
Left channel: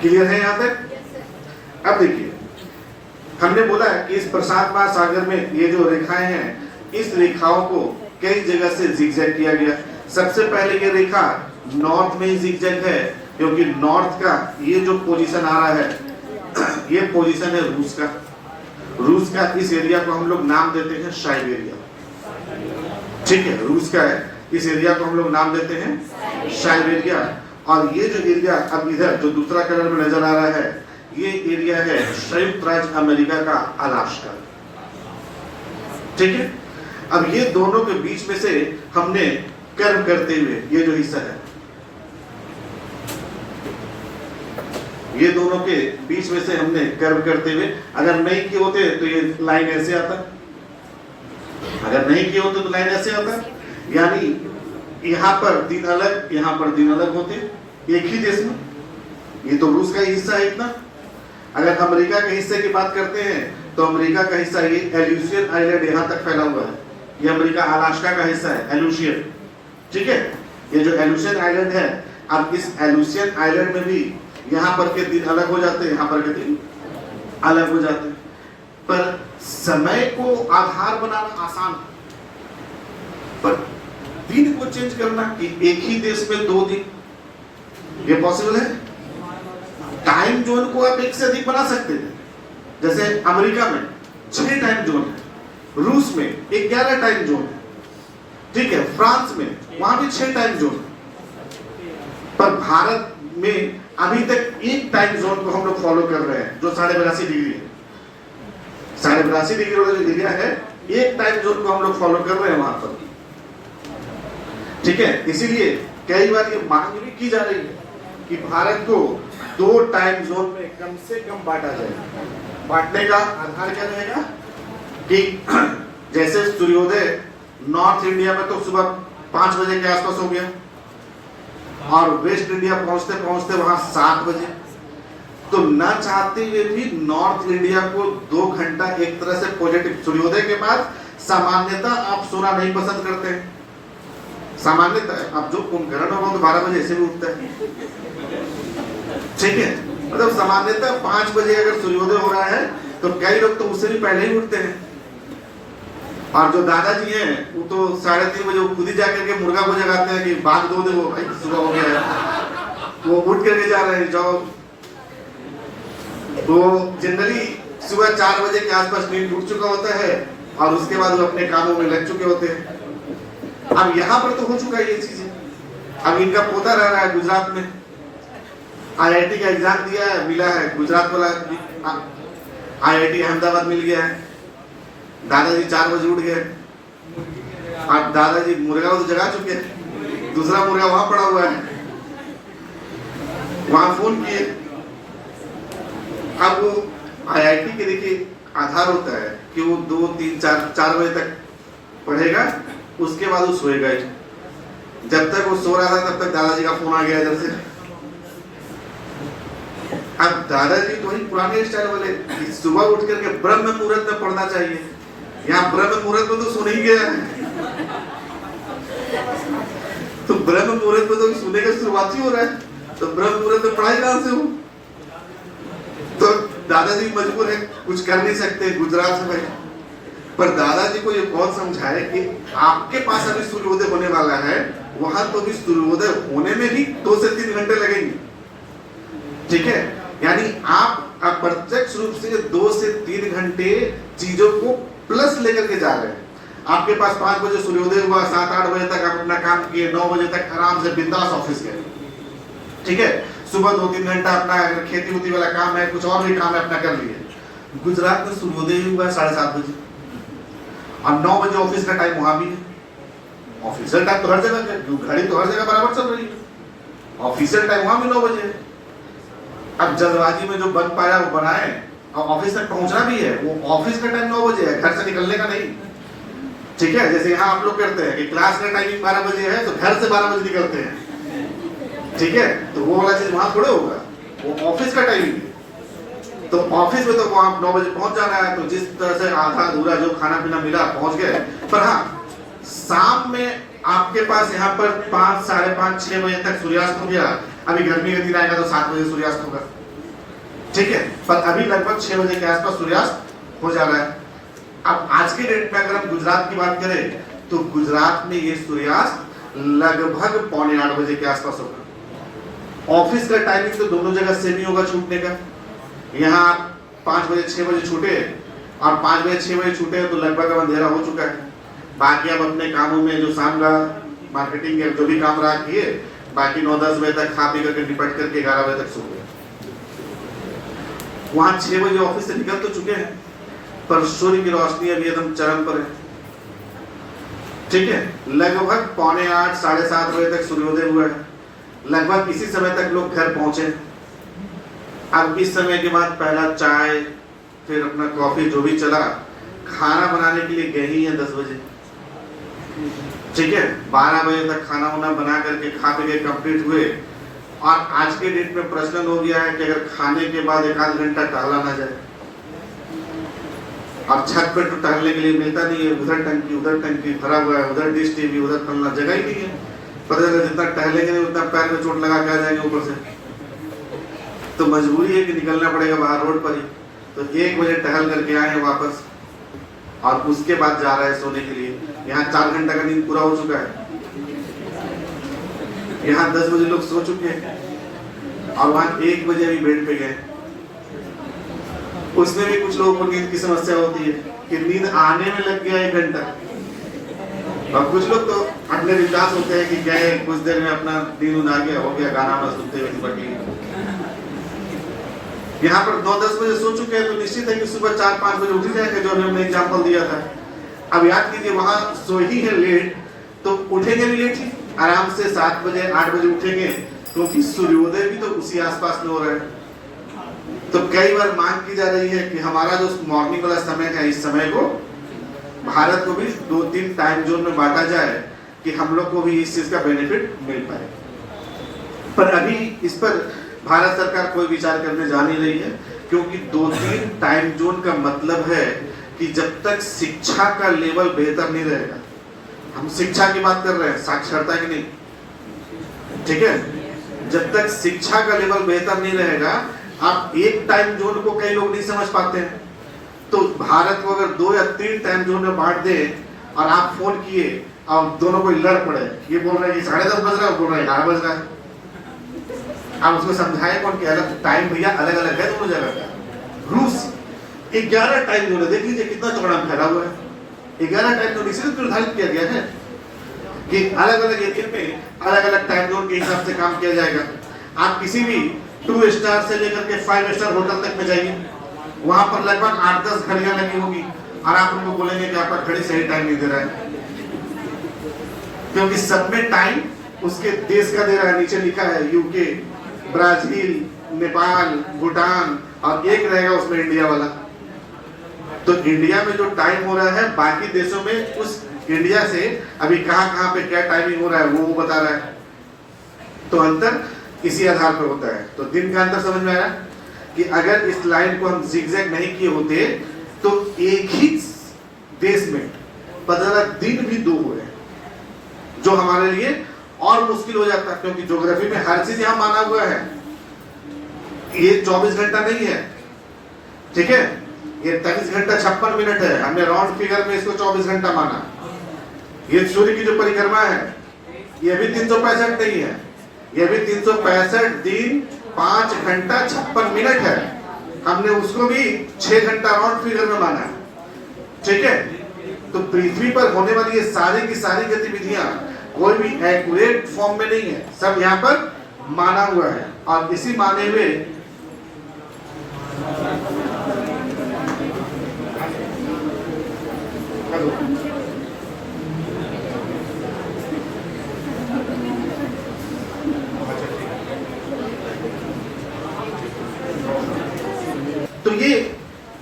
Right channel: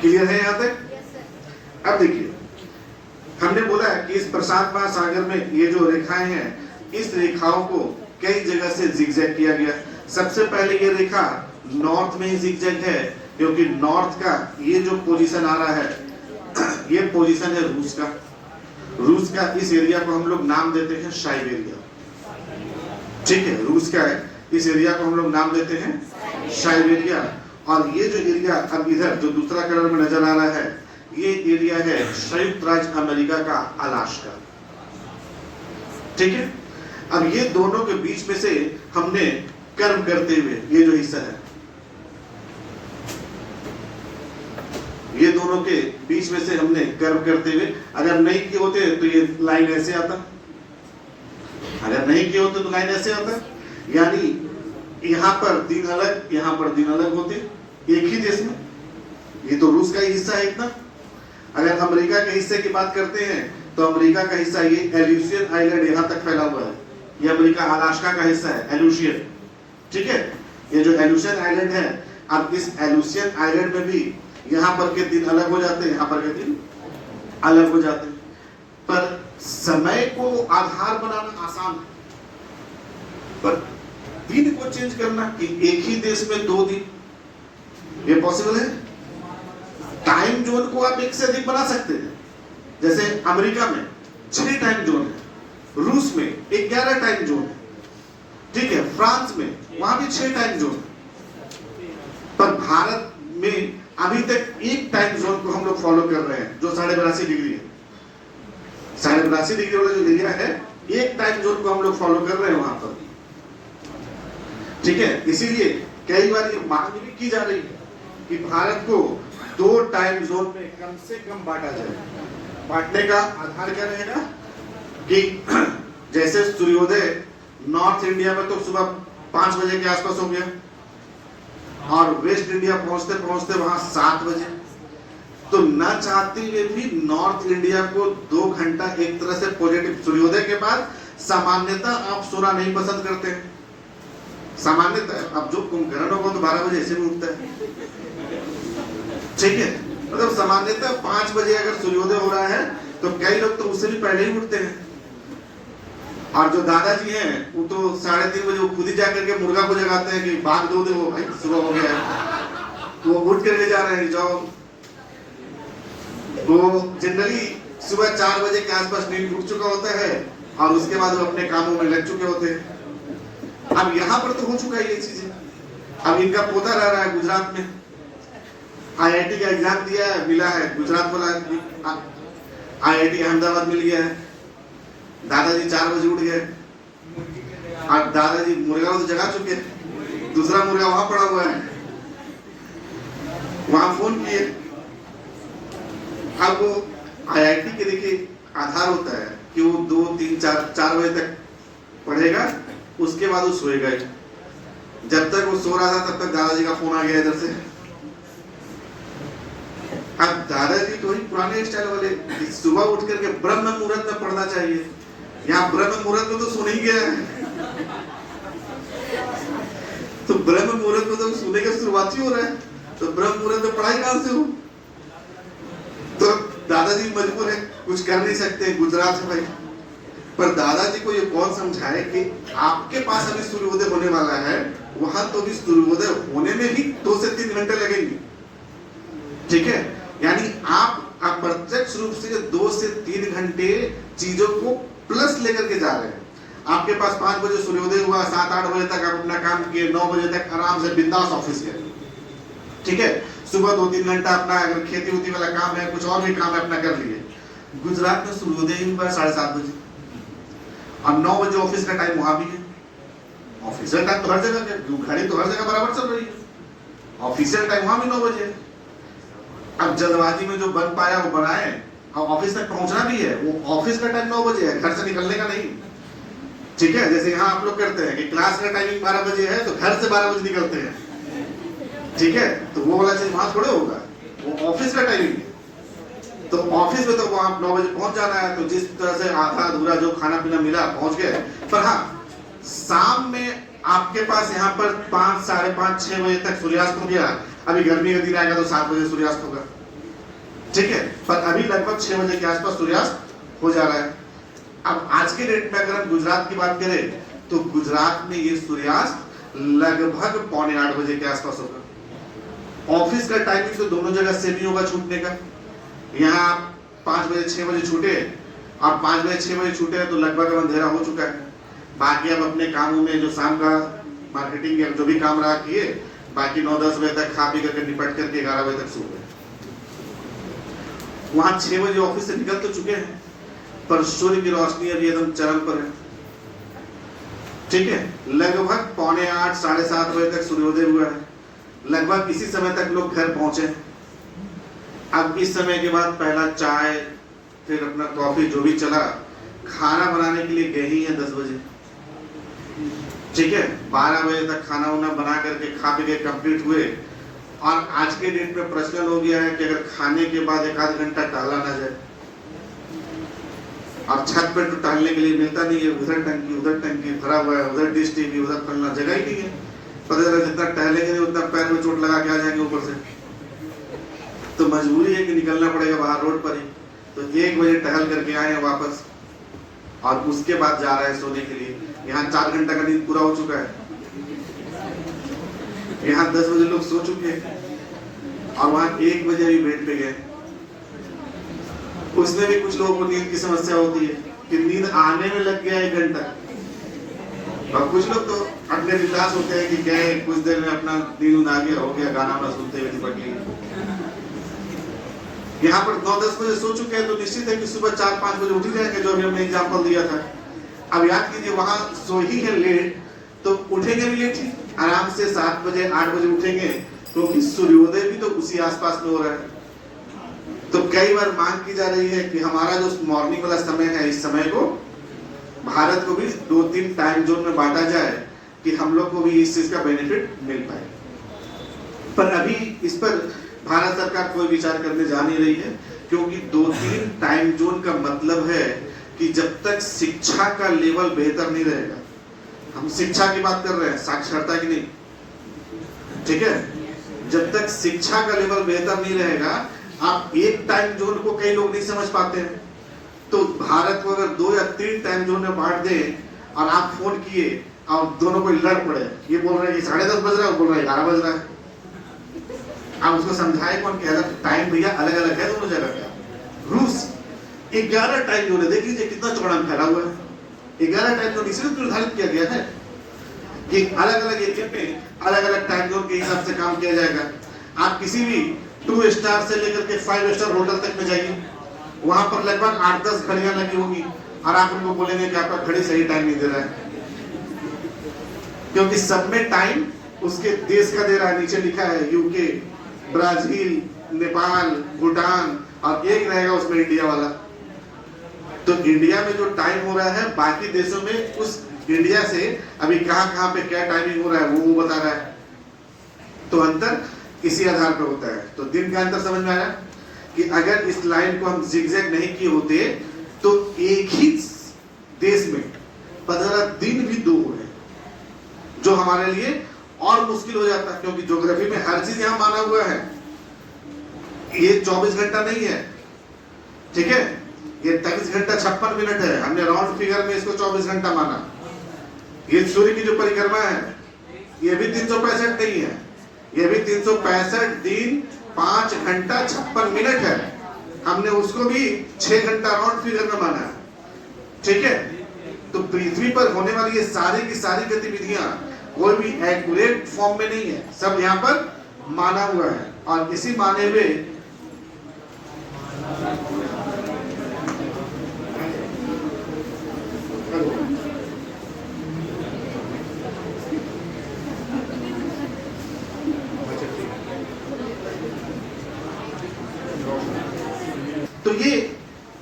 क्लियर है यहाँ तक? अब देखिए, हमने बोला कि इस प्रशांत महासागर में ये जो रेखाएं हैं, इस रेखाओं को कई जगह से जिगजैग किया गया। सबसे पहले ये रेखा नॉर्थ में ही जिगजैग है, क्योंकि नॉर्थ का ये जो पोजीशन आ रहा है ये पोजीशन है रूस का, रूस का इस एरिया को हम लोग नाम देते हैं साइबेरिया। ठीक है, रूस का है इस एरिया को हम लोग नाम देते हैं साइबेरिया। और ये जो एरिया अब इधर जो दूसरा कलर में नजर आ रहा है, ये एरिया है संयुक्त राज्य अमेरिका का अलास्का। ठीक है, अब ये दोनों के बीच में से हमने कर्व करते हुए ये जो हिस्सा है, ये दोनों के बीच में से हमने कर्व करते हुए, अगर नहीं किए होते तो ये लाइन ऐसे आता, अगर नहीं किए होते तो लाइन ऐसे आता, यानी यहां पर दिन अलग, यहां पर दिन अलग होते एक ही देश में। ये तो रूस का ही हिस्सा है इतना। अगर अमेरिका के हिस्से की बात करते हैं तो अमेरिका का हिस्सा ये एल्यूसियन आइलैंड यहां तक फैला हुआ है, ये अमेरिका अलास्का का हिस्सा है एल्यूसियन। ठीक है, ये जो एल्यूसियन आइलैंड है, अब इस एल्यूसियन आइलैंड में भी यहाँ पर के दिन अलग हो जाते हैं, यहाँ पर के दिन अलग हो जाते हैं, पर समय को आधार बनाना आसान है, पर दिन को चेंज करना कि एक ही देश में 2 दिन, ये पॉसिबल है? टाइम जोन को आप एक से अधिक बना सकते थे। जैसे अमेरिका में 6 टाइम जोन है, रूस में 11 टाइम जोन है, ठीक है, फ्रांस में वहां भी 6 टाइम जोन है, पर भारत में अभी तक एक टाइम जोन को हम लोग फॉलो कर रहे हैं जो 82.5 डिग्री है। 82.5 डिग्री वाला जो एरिया है, एक टाइम जोन को हम लोग फॉलो कर रहे हैं वहां पर। ठीक है, इसीलिए कई बार ये मांग भी की जा रही है कि भारत को 2 टाइम जोन में कम से कम बांटा जाए। बांटने का आधार क्या रहेगा कि जैसे सूर्योदय नॉर्थ इंडिया में तो सुबह 5 बजे के आसपास हो गया, और वेस्ट इंडिया पहुंचते पहुंचते वहां 7 बजे, तो न चाहते हुए भी नॉर्थ इंडिया को 2 घंटा एक तरह से पॉजिटिव। सूर्योदय के बाद सामान्यतः आप सोना नहीं पसंद करते हैं, सामान्यतः। अब जो कुंभकर्ण होगा तो 12 बजे ऐसे भी उठता है, ठीक है, मतलब सामान्यतः 5 बजे अगर सूर्योदय हो रहा है तो कई लोग तो उससे भी पहले ही उठते हैं। और जो दादाजी हैं वो तो 3:30 बजे वो खुद ही जाकर के मुर्गा को जगाते हैं कि भाग दो देखो भाई सुबह हो गया है, वो उठ करके जा रहे हैं जॉब। वो जनरली सुबह 4 बजे के आसपास नींद उठ चुका होता है और उसके बाद वो अपने कामों में लग चुके होते हैं। अब यहाँ पर तो हो चुका है ये चीजें। अब इनका पोता रह रहा है गुजरात में, IIT का एग्जाम दिया है, मिला है गुजरात वाला, IIT अहमदाबाद मिल गया है। दादाजी 4 बजे उठ गए, और दादाजी मुर्गा तो जगा चुके हैं, दूसरा मुर्गा वहां पड़ा हुआ है, वहां फोन किए। अब वो IIT के देखिए आधार होता है कि वो 2, 3, 4 बजे तक पढ़ेगा, उसके बाद वो सोएगा ही। जब तक वो सो रहा था तब तक दादाजी का फोन आ गया इधर से। अब दादाजी तो ही पुराने स्टाइल वाले, सुबह उठ करके ब्रह्म मुहूर्त में पढ़ना चाहिए। यहाँ ब्रह्म मुहूर्त में तो सुन ही गया, तो ब्रह्म मुहूर्त में तो सुनने का शुरुआत ही हो रहा है, तो ब्रह्म मुहूर्त में पढ़ाई कहां से हो? तो दादाजी मजबूर है, कुछ कर नहीं सकते, गुजरात है भाई। पर दादाजी को ये कौन समझाए कि आपके पास अभी सूर्योदय होने वाला है, वहां तो भी सूर्योदय होने में भी 2 से 3 घंटे लगेंगे। ठीक है, यानी आप अप्रत्यक्ष रूप से 2 से 3 घंटे चीजों को प्लस लेकर के जा रहे हैं। आपके पास 5 बजे सूर्योदय हुआ, 7-8 बजे तक आप अपना काम किए, 9 बजे तक आराम से बिंदास ऑफिस गए। ठीक है, सुबह 2-3 घंटा अपना अगर खेती उती वाला काम है, कुछ और भी काम है अपना कर लिए। गुजरात में सूर्योदय हुआ 7:30 बजे, और 9 बजे ऑफिस का टाइम वहां भी है। ऑफिशियल टाइम तो हर जगह है, घड़ी तो हर जगह बराबर चल रही है, ऑफिशियल टाइम वहां भी 9 बजे है। अब जल्दबाजी में जो बन पाया वो बनाए, और ऑफिस तक पहुंचना भी है, वो ऑफिस का टाइम 9 बजे है, घर से निकलने का नहीं। ठीक है, जैसे यहाँ आप लोग करते हैं कि क्लास का टाइमिंग 12 बजे है तो घर से 12 बजे निकलते हैं। ठीक है, तो वो वाला चीज वहां थोड़े होगा, वो ऑफिस का टाइमिंग है। तो ऑफिस में तो वहां 9 बजे पहुंच जाना है, तो जिस तरह से आधा अधूरा जो खाना पीना मिला पहुंच गए। पर हाँ, शाम में आपके पास यहाँ पर 5, 5:30, 6 बजे तक सूर्यास्त हो गया। अभी गर्मी का दिन आएगा तो 7 बजे सूर्यास्त होगा। ठीक है, पर अभी लगभग 6 बजे के आसपास सूर्यास्त हो जा रहा है। अब आज के डेट में अगर हम गुजरात की बात करें तो गुजरात में ये सूर्यास्त लगभग 7:45 बजे के आसपास होगा। ऑफिस का टाइमिंग तो दोनों जगह सेम ही होगा छूटने का। यहाँ 5 बजे 6 बजे छूटे और 5 बजे 6 बजे छूटे तो लगभग अब अंधेरा हो चुका है। बाकी अब अपने कामों में जो शाम का मार्केटिंग या जो भी काम रहा किए, बाकी 9-10 बजे तक खा पी करके निपट करके 11 बजे तक सो गए। वहां 6 बजे ऑफिस से निकल तो चुके हैं, पर सूर्य की रोशनी अभी एकदम चरम पर है। ठीक है, लगभग 7:45 7:30 बजे तक सूर्योदय हुआ है। लगभग इसी समय तक लोग घर पहुंचे। अब इस समय के बाद पहला चाय, फिर अपना कॉफी जो भी चला, खाना बनाने के लिए गए ही है 10 बजे। ठीक है, 12 बजे तक खाना वाना बना करके खा पी के कंप्लीट हुए। और आज के डेट में प्रचलन हो गया है कि अगर खाने के बाद 1-आध घंटा टहला ना जाए। अब छत पे तो टहलने के लिए मिलता नहीं है, उधर टंकी भरा हुआ है, उधर डिश टीवी, उधर फलना, जगह ही नहीं है। पता चला जितना टहलेंगे नहीं उतना पैर में चोट लगा के आ जाएंगे ऊपर से। तो मजबूरी है कि निकलना पड़ेगा बाहर रोड पर ही। तो 1 बजे टहल करके आए हैं वापस, और उसके बाद जा रहे हैं सोने के लिए। यहाँ 4 घंटा का नींद पूरा हो चुका है। यहाँ 10 बजे लोग सो चुके हैं, और वहां 1 बजे अभी बेड पे गए। उसमें भी कुछ लोगों को नींद की समस्या होती है कि नींद आने में लग गया 1 घंटा, और कुछ लोग तो अपने विश्वास होते हैं कि क्या है, कुछ देर में अपना नींद आ गया, हो गया, गाना वाना सुनते हुए निपट गए। यहाँ पर 9-10 बजे सो चुके हैं तो निश्चित है कि सुबह 4-5 बजे उठ ही जाएंगे, जो हमने एग्जाम्पल दिया था। अब याद कीजिए, वहां सो ही है लेट तो उठेंगे भी लेट ही, आराम से 7 बजे 8 बजे उठेंगे, क्योंकि सूर्योदय भी तो उसी आसपास में हो रहा है। तो कई बार मांग की जा रही है कि हमारा जो मॉर्निंग वाला समय है, इस समय को भारत को भी 2-3 टाइम जोन में बांटा जाए कि हम लोग को भी इस चीज का बेनिफिट मिल पाए। पर अभी इस पर भारत सरकार कोई विचार करने जा नहीं रही है, क्योंकि 2-3 टाइम जोन का मतलब है कि जब तक शिक्षा का लेवल बेहतर नहीं रहेगा, हम शिक्षा की बात कर रहे हैं, साक्षरता की नहीं, ठीक है, जब तक शिक्षा का लेवल बेहतर नहीं रहेगा, आप एक टाइम जोन को कई लोग नहीं समझ पाते हैं। तो भारत को अगर 2 या 3 टाइम जोन में बांट दे, और आप फोन किए और दोनों को लड़ पड़े, ये बोल रहे हैं कि 10:30 बज रहा है, बोल रहे हैं 11 बज रहा है, आप उसको समझाए कौन कि अलग टाइम भैया अलग अलग है दोनों जगह का। रूस 11 टाइम जोन है, देख लीजिए कितना चौड़ा फैला हुआ है। 11 टाइम जोन इसलिए निर्धारित किया गया है कि अलग अलग एरिया में अलग अलग टाइम जोन के हिसाब से काम किया जाएगा। आप किसी भी 2 स्टार से लेकर के 5 स्टार होटल तक में जाइए, वहां पर लगभग 8-10 घड़ियां लगी होगी, और आप उनको बोलेंगे कि आपका घड़ी सही टाइम नहीं दे रहा है, क्योंकि सब में टाइम उसके देश का दे रहा है। नीचे लिखा है यूके, ब्राजील, नेपाल, भूटान, और एक रहेगा उसमें इंडिया वाला। तो इंडिया में जो टाइम हो रहा है, बाकी देशों में उस इंडिया से अभी कहां पे क्या टाइमिंग हो रहा है वो बता रहा है। तो अंतर इसी आधार पर होता है। तो दिन का अंतर समझ में आया कि अगर इस लाइन को हम जिगजैग नहीं किए होते तो एक ही देश में 15 दिन भी 2 हो गए, जो हमारे लिए और मुश्किल हो जाता, क्योंकि ज्योग्राफी में हर चीज यहां माना हुआ है। ये 24 घंटा नहीं है, ठीक है, ये 23 घंटा 56 मिनट है। हमने राउंड फिगर में इसको 24 घंटा माना। ये सूर्य की जो परिक्रमा है, ये भी 365 नहीं है, ये भी 365 दिन 5 घंटा 56 मिनट है। हमने उसको भी 6 घंटा राउंड फिगर में माना, ठीक है। तो पृथ्वी पर होने वाली ये सारी की सारी गतिविधियां कोई भी एक्यूरेट फॉर्म में नहीं है, सब यहाँ पर माना हुआ है। और इसी माने में तो ये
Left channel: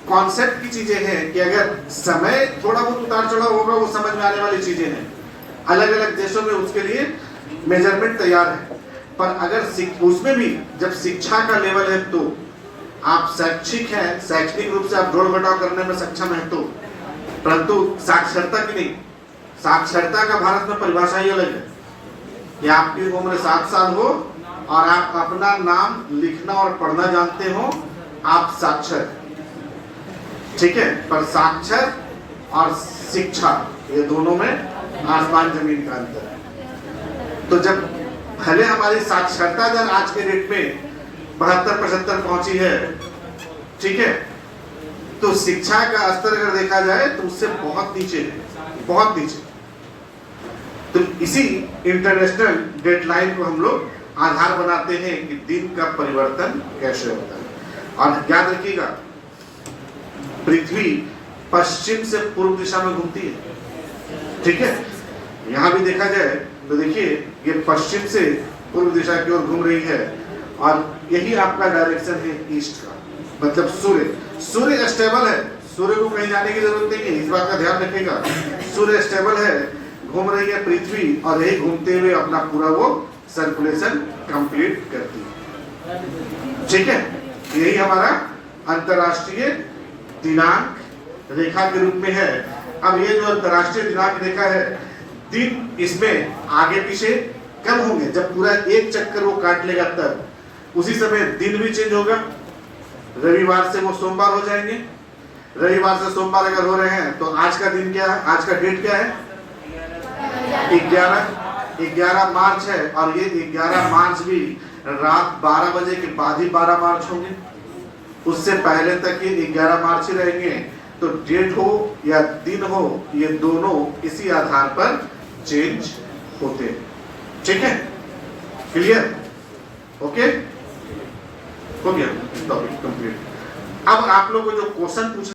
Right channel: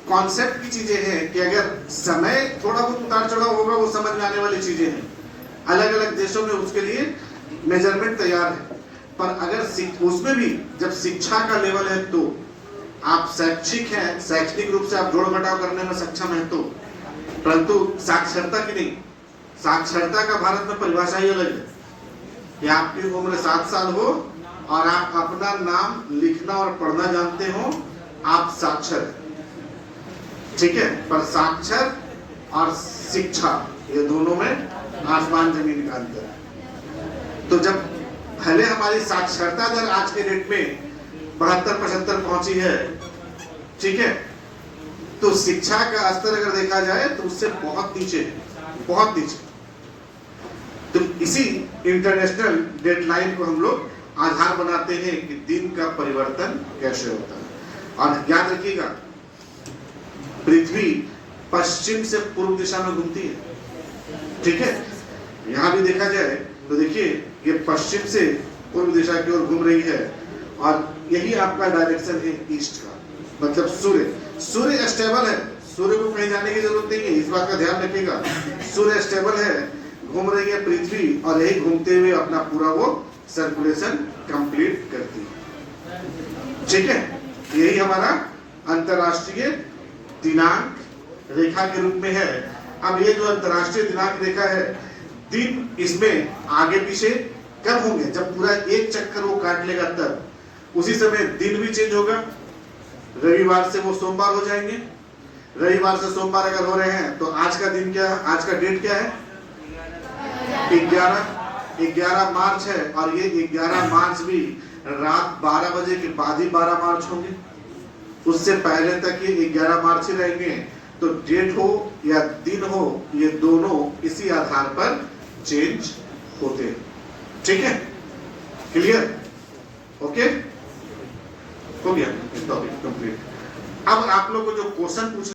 कॉन्सेप्ट की चीजें हैं कि अगर समय थोड़ा बहुत उतार चढ़ाव होगा, वो समझ में आने वाली चीजें हैं। अलग अलग देशों में उसके लिए मेजरमेंट तैयार है। पर अगर उसमें भी जब शिक्षा का लेवल है, तो आप शैक्षिक हैं, शैक्षणिक रूप से आप जोड़ घटाव करने में सक्षम है, तो परंतु साक्षरता की नहीं। साक्षरता का भारत में परिभाषा ही अलग है कि आपकी उम्र 7 साल हो और आप अपना नाम लिखना और पढ़ना जानते हो, आप साक्षर, ठीक है। पर साक्षर और शिक्षा, ये दोनों में आसमान जमीन का अंतर है। तो जब भले हमारी साक्षरता दर आज के डेट में 72-75 पहुंची है, ठीक है, तो शिक्षा का स्तर अगर देखा जाए तो उससे बहुत नीचे है, बहुत नीचे। तो इसी इंटरनेशनल डेडलाइन को हम लोग आधार बनाते हैं कि दिन का परिवर्तन कैसे होता है। और याद रखिएगा, पृथ्वी पश्चिम से पूर्व दिशा में घूमती है, ठीक है। यहां भी देखा जाए तो देखिए ये पश्चिम से पूर्व दिशा की ओर घूम रही है, और यही आपका डायरेक्शन है ईस्ट का, मतलब सूर्य स्टेबल है, सूर्य को कहीं जाने की जरूरत नहीं है, इस बात का ध्यान रखिएगा। सूर्य स्टेबल है, घूम रही है पृथ्वी, और यही घूमते हुए अपना पूरा वो सर्कुलेशन कंप्लीट करती है, ठीक है। यही हमारा अंतरराष्ट्रीय दिनांक रेखा के रूप में है। अब ये जो अंतरराष्ट्रीय दिनांक रेखा है, दिन इसमें आगे पीछे कब होंगे, जब पूरा एक चक्कर वो काट लेगा तब। उसी समय दिन भी चेंज होगा, रविवार से वो सोमवार हो जाएंगे, रविवार से सोमवार अगर हो रहे हैं तो आज का दिन क्या है, आज का डेट क्या है, 11 मार्च है, और ये 11 मार्च भी रात 12 बजे के बाद ही 12 मार्च होंगे, उससे पहले तक ये 11 मार्च ही रहेंगे। तो डेट हो या दिन हो, ये दोनों इसी आधार पर चेंज होते हैं, ठीक है, क्लियर, ओके, हो गया टॉपिक कंप्लीट। अब आप लोग को जो क्वेश्चन पूछ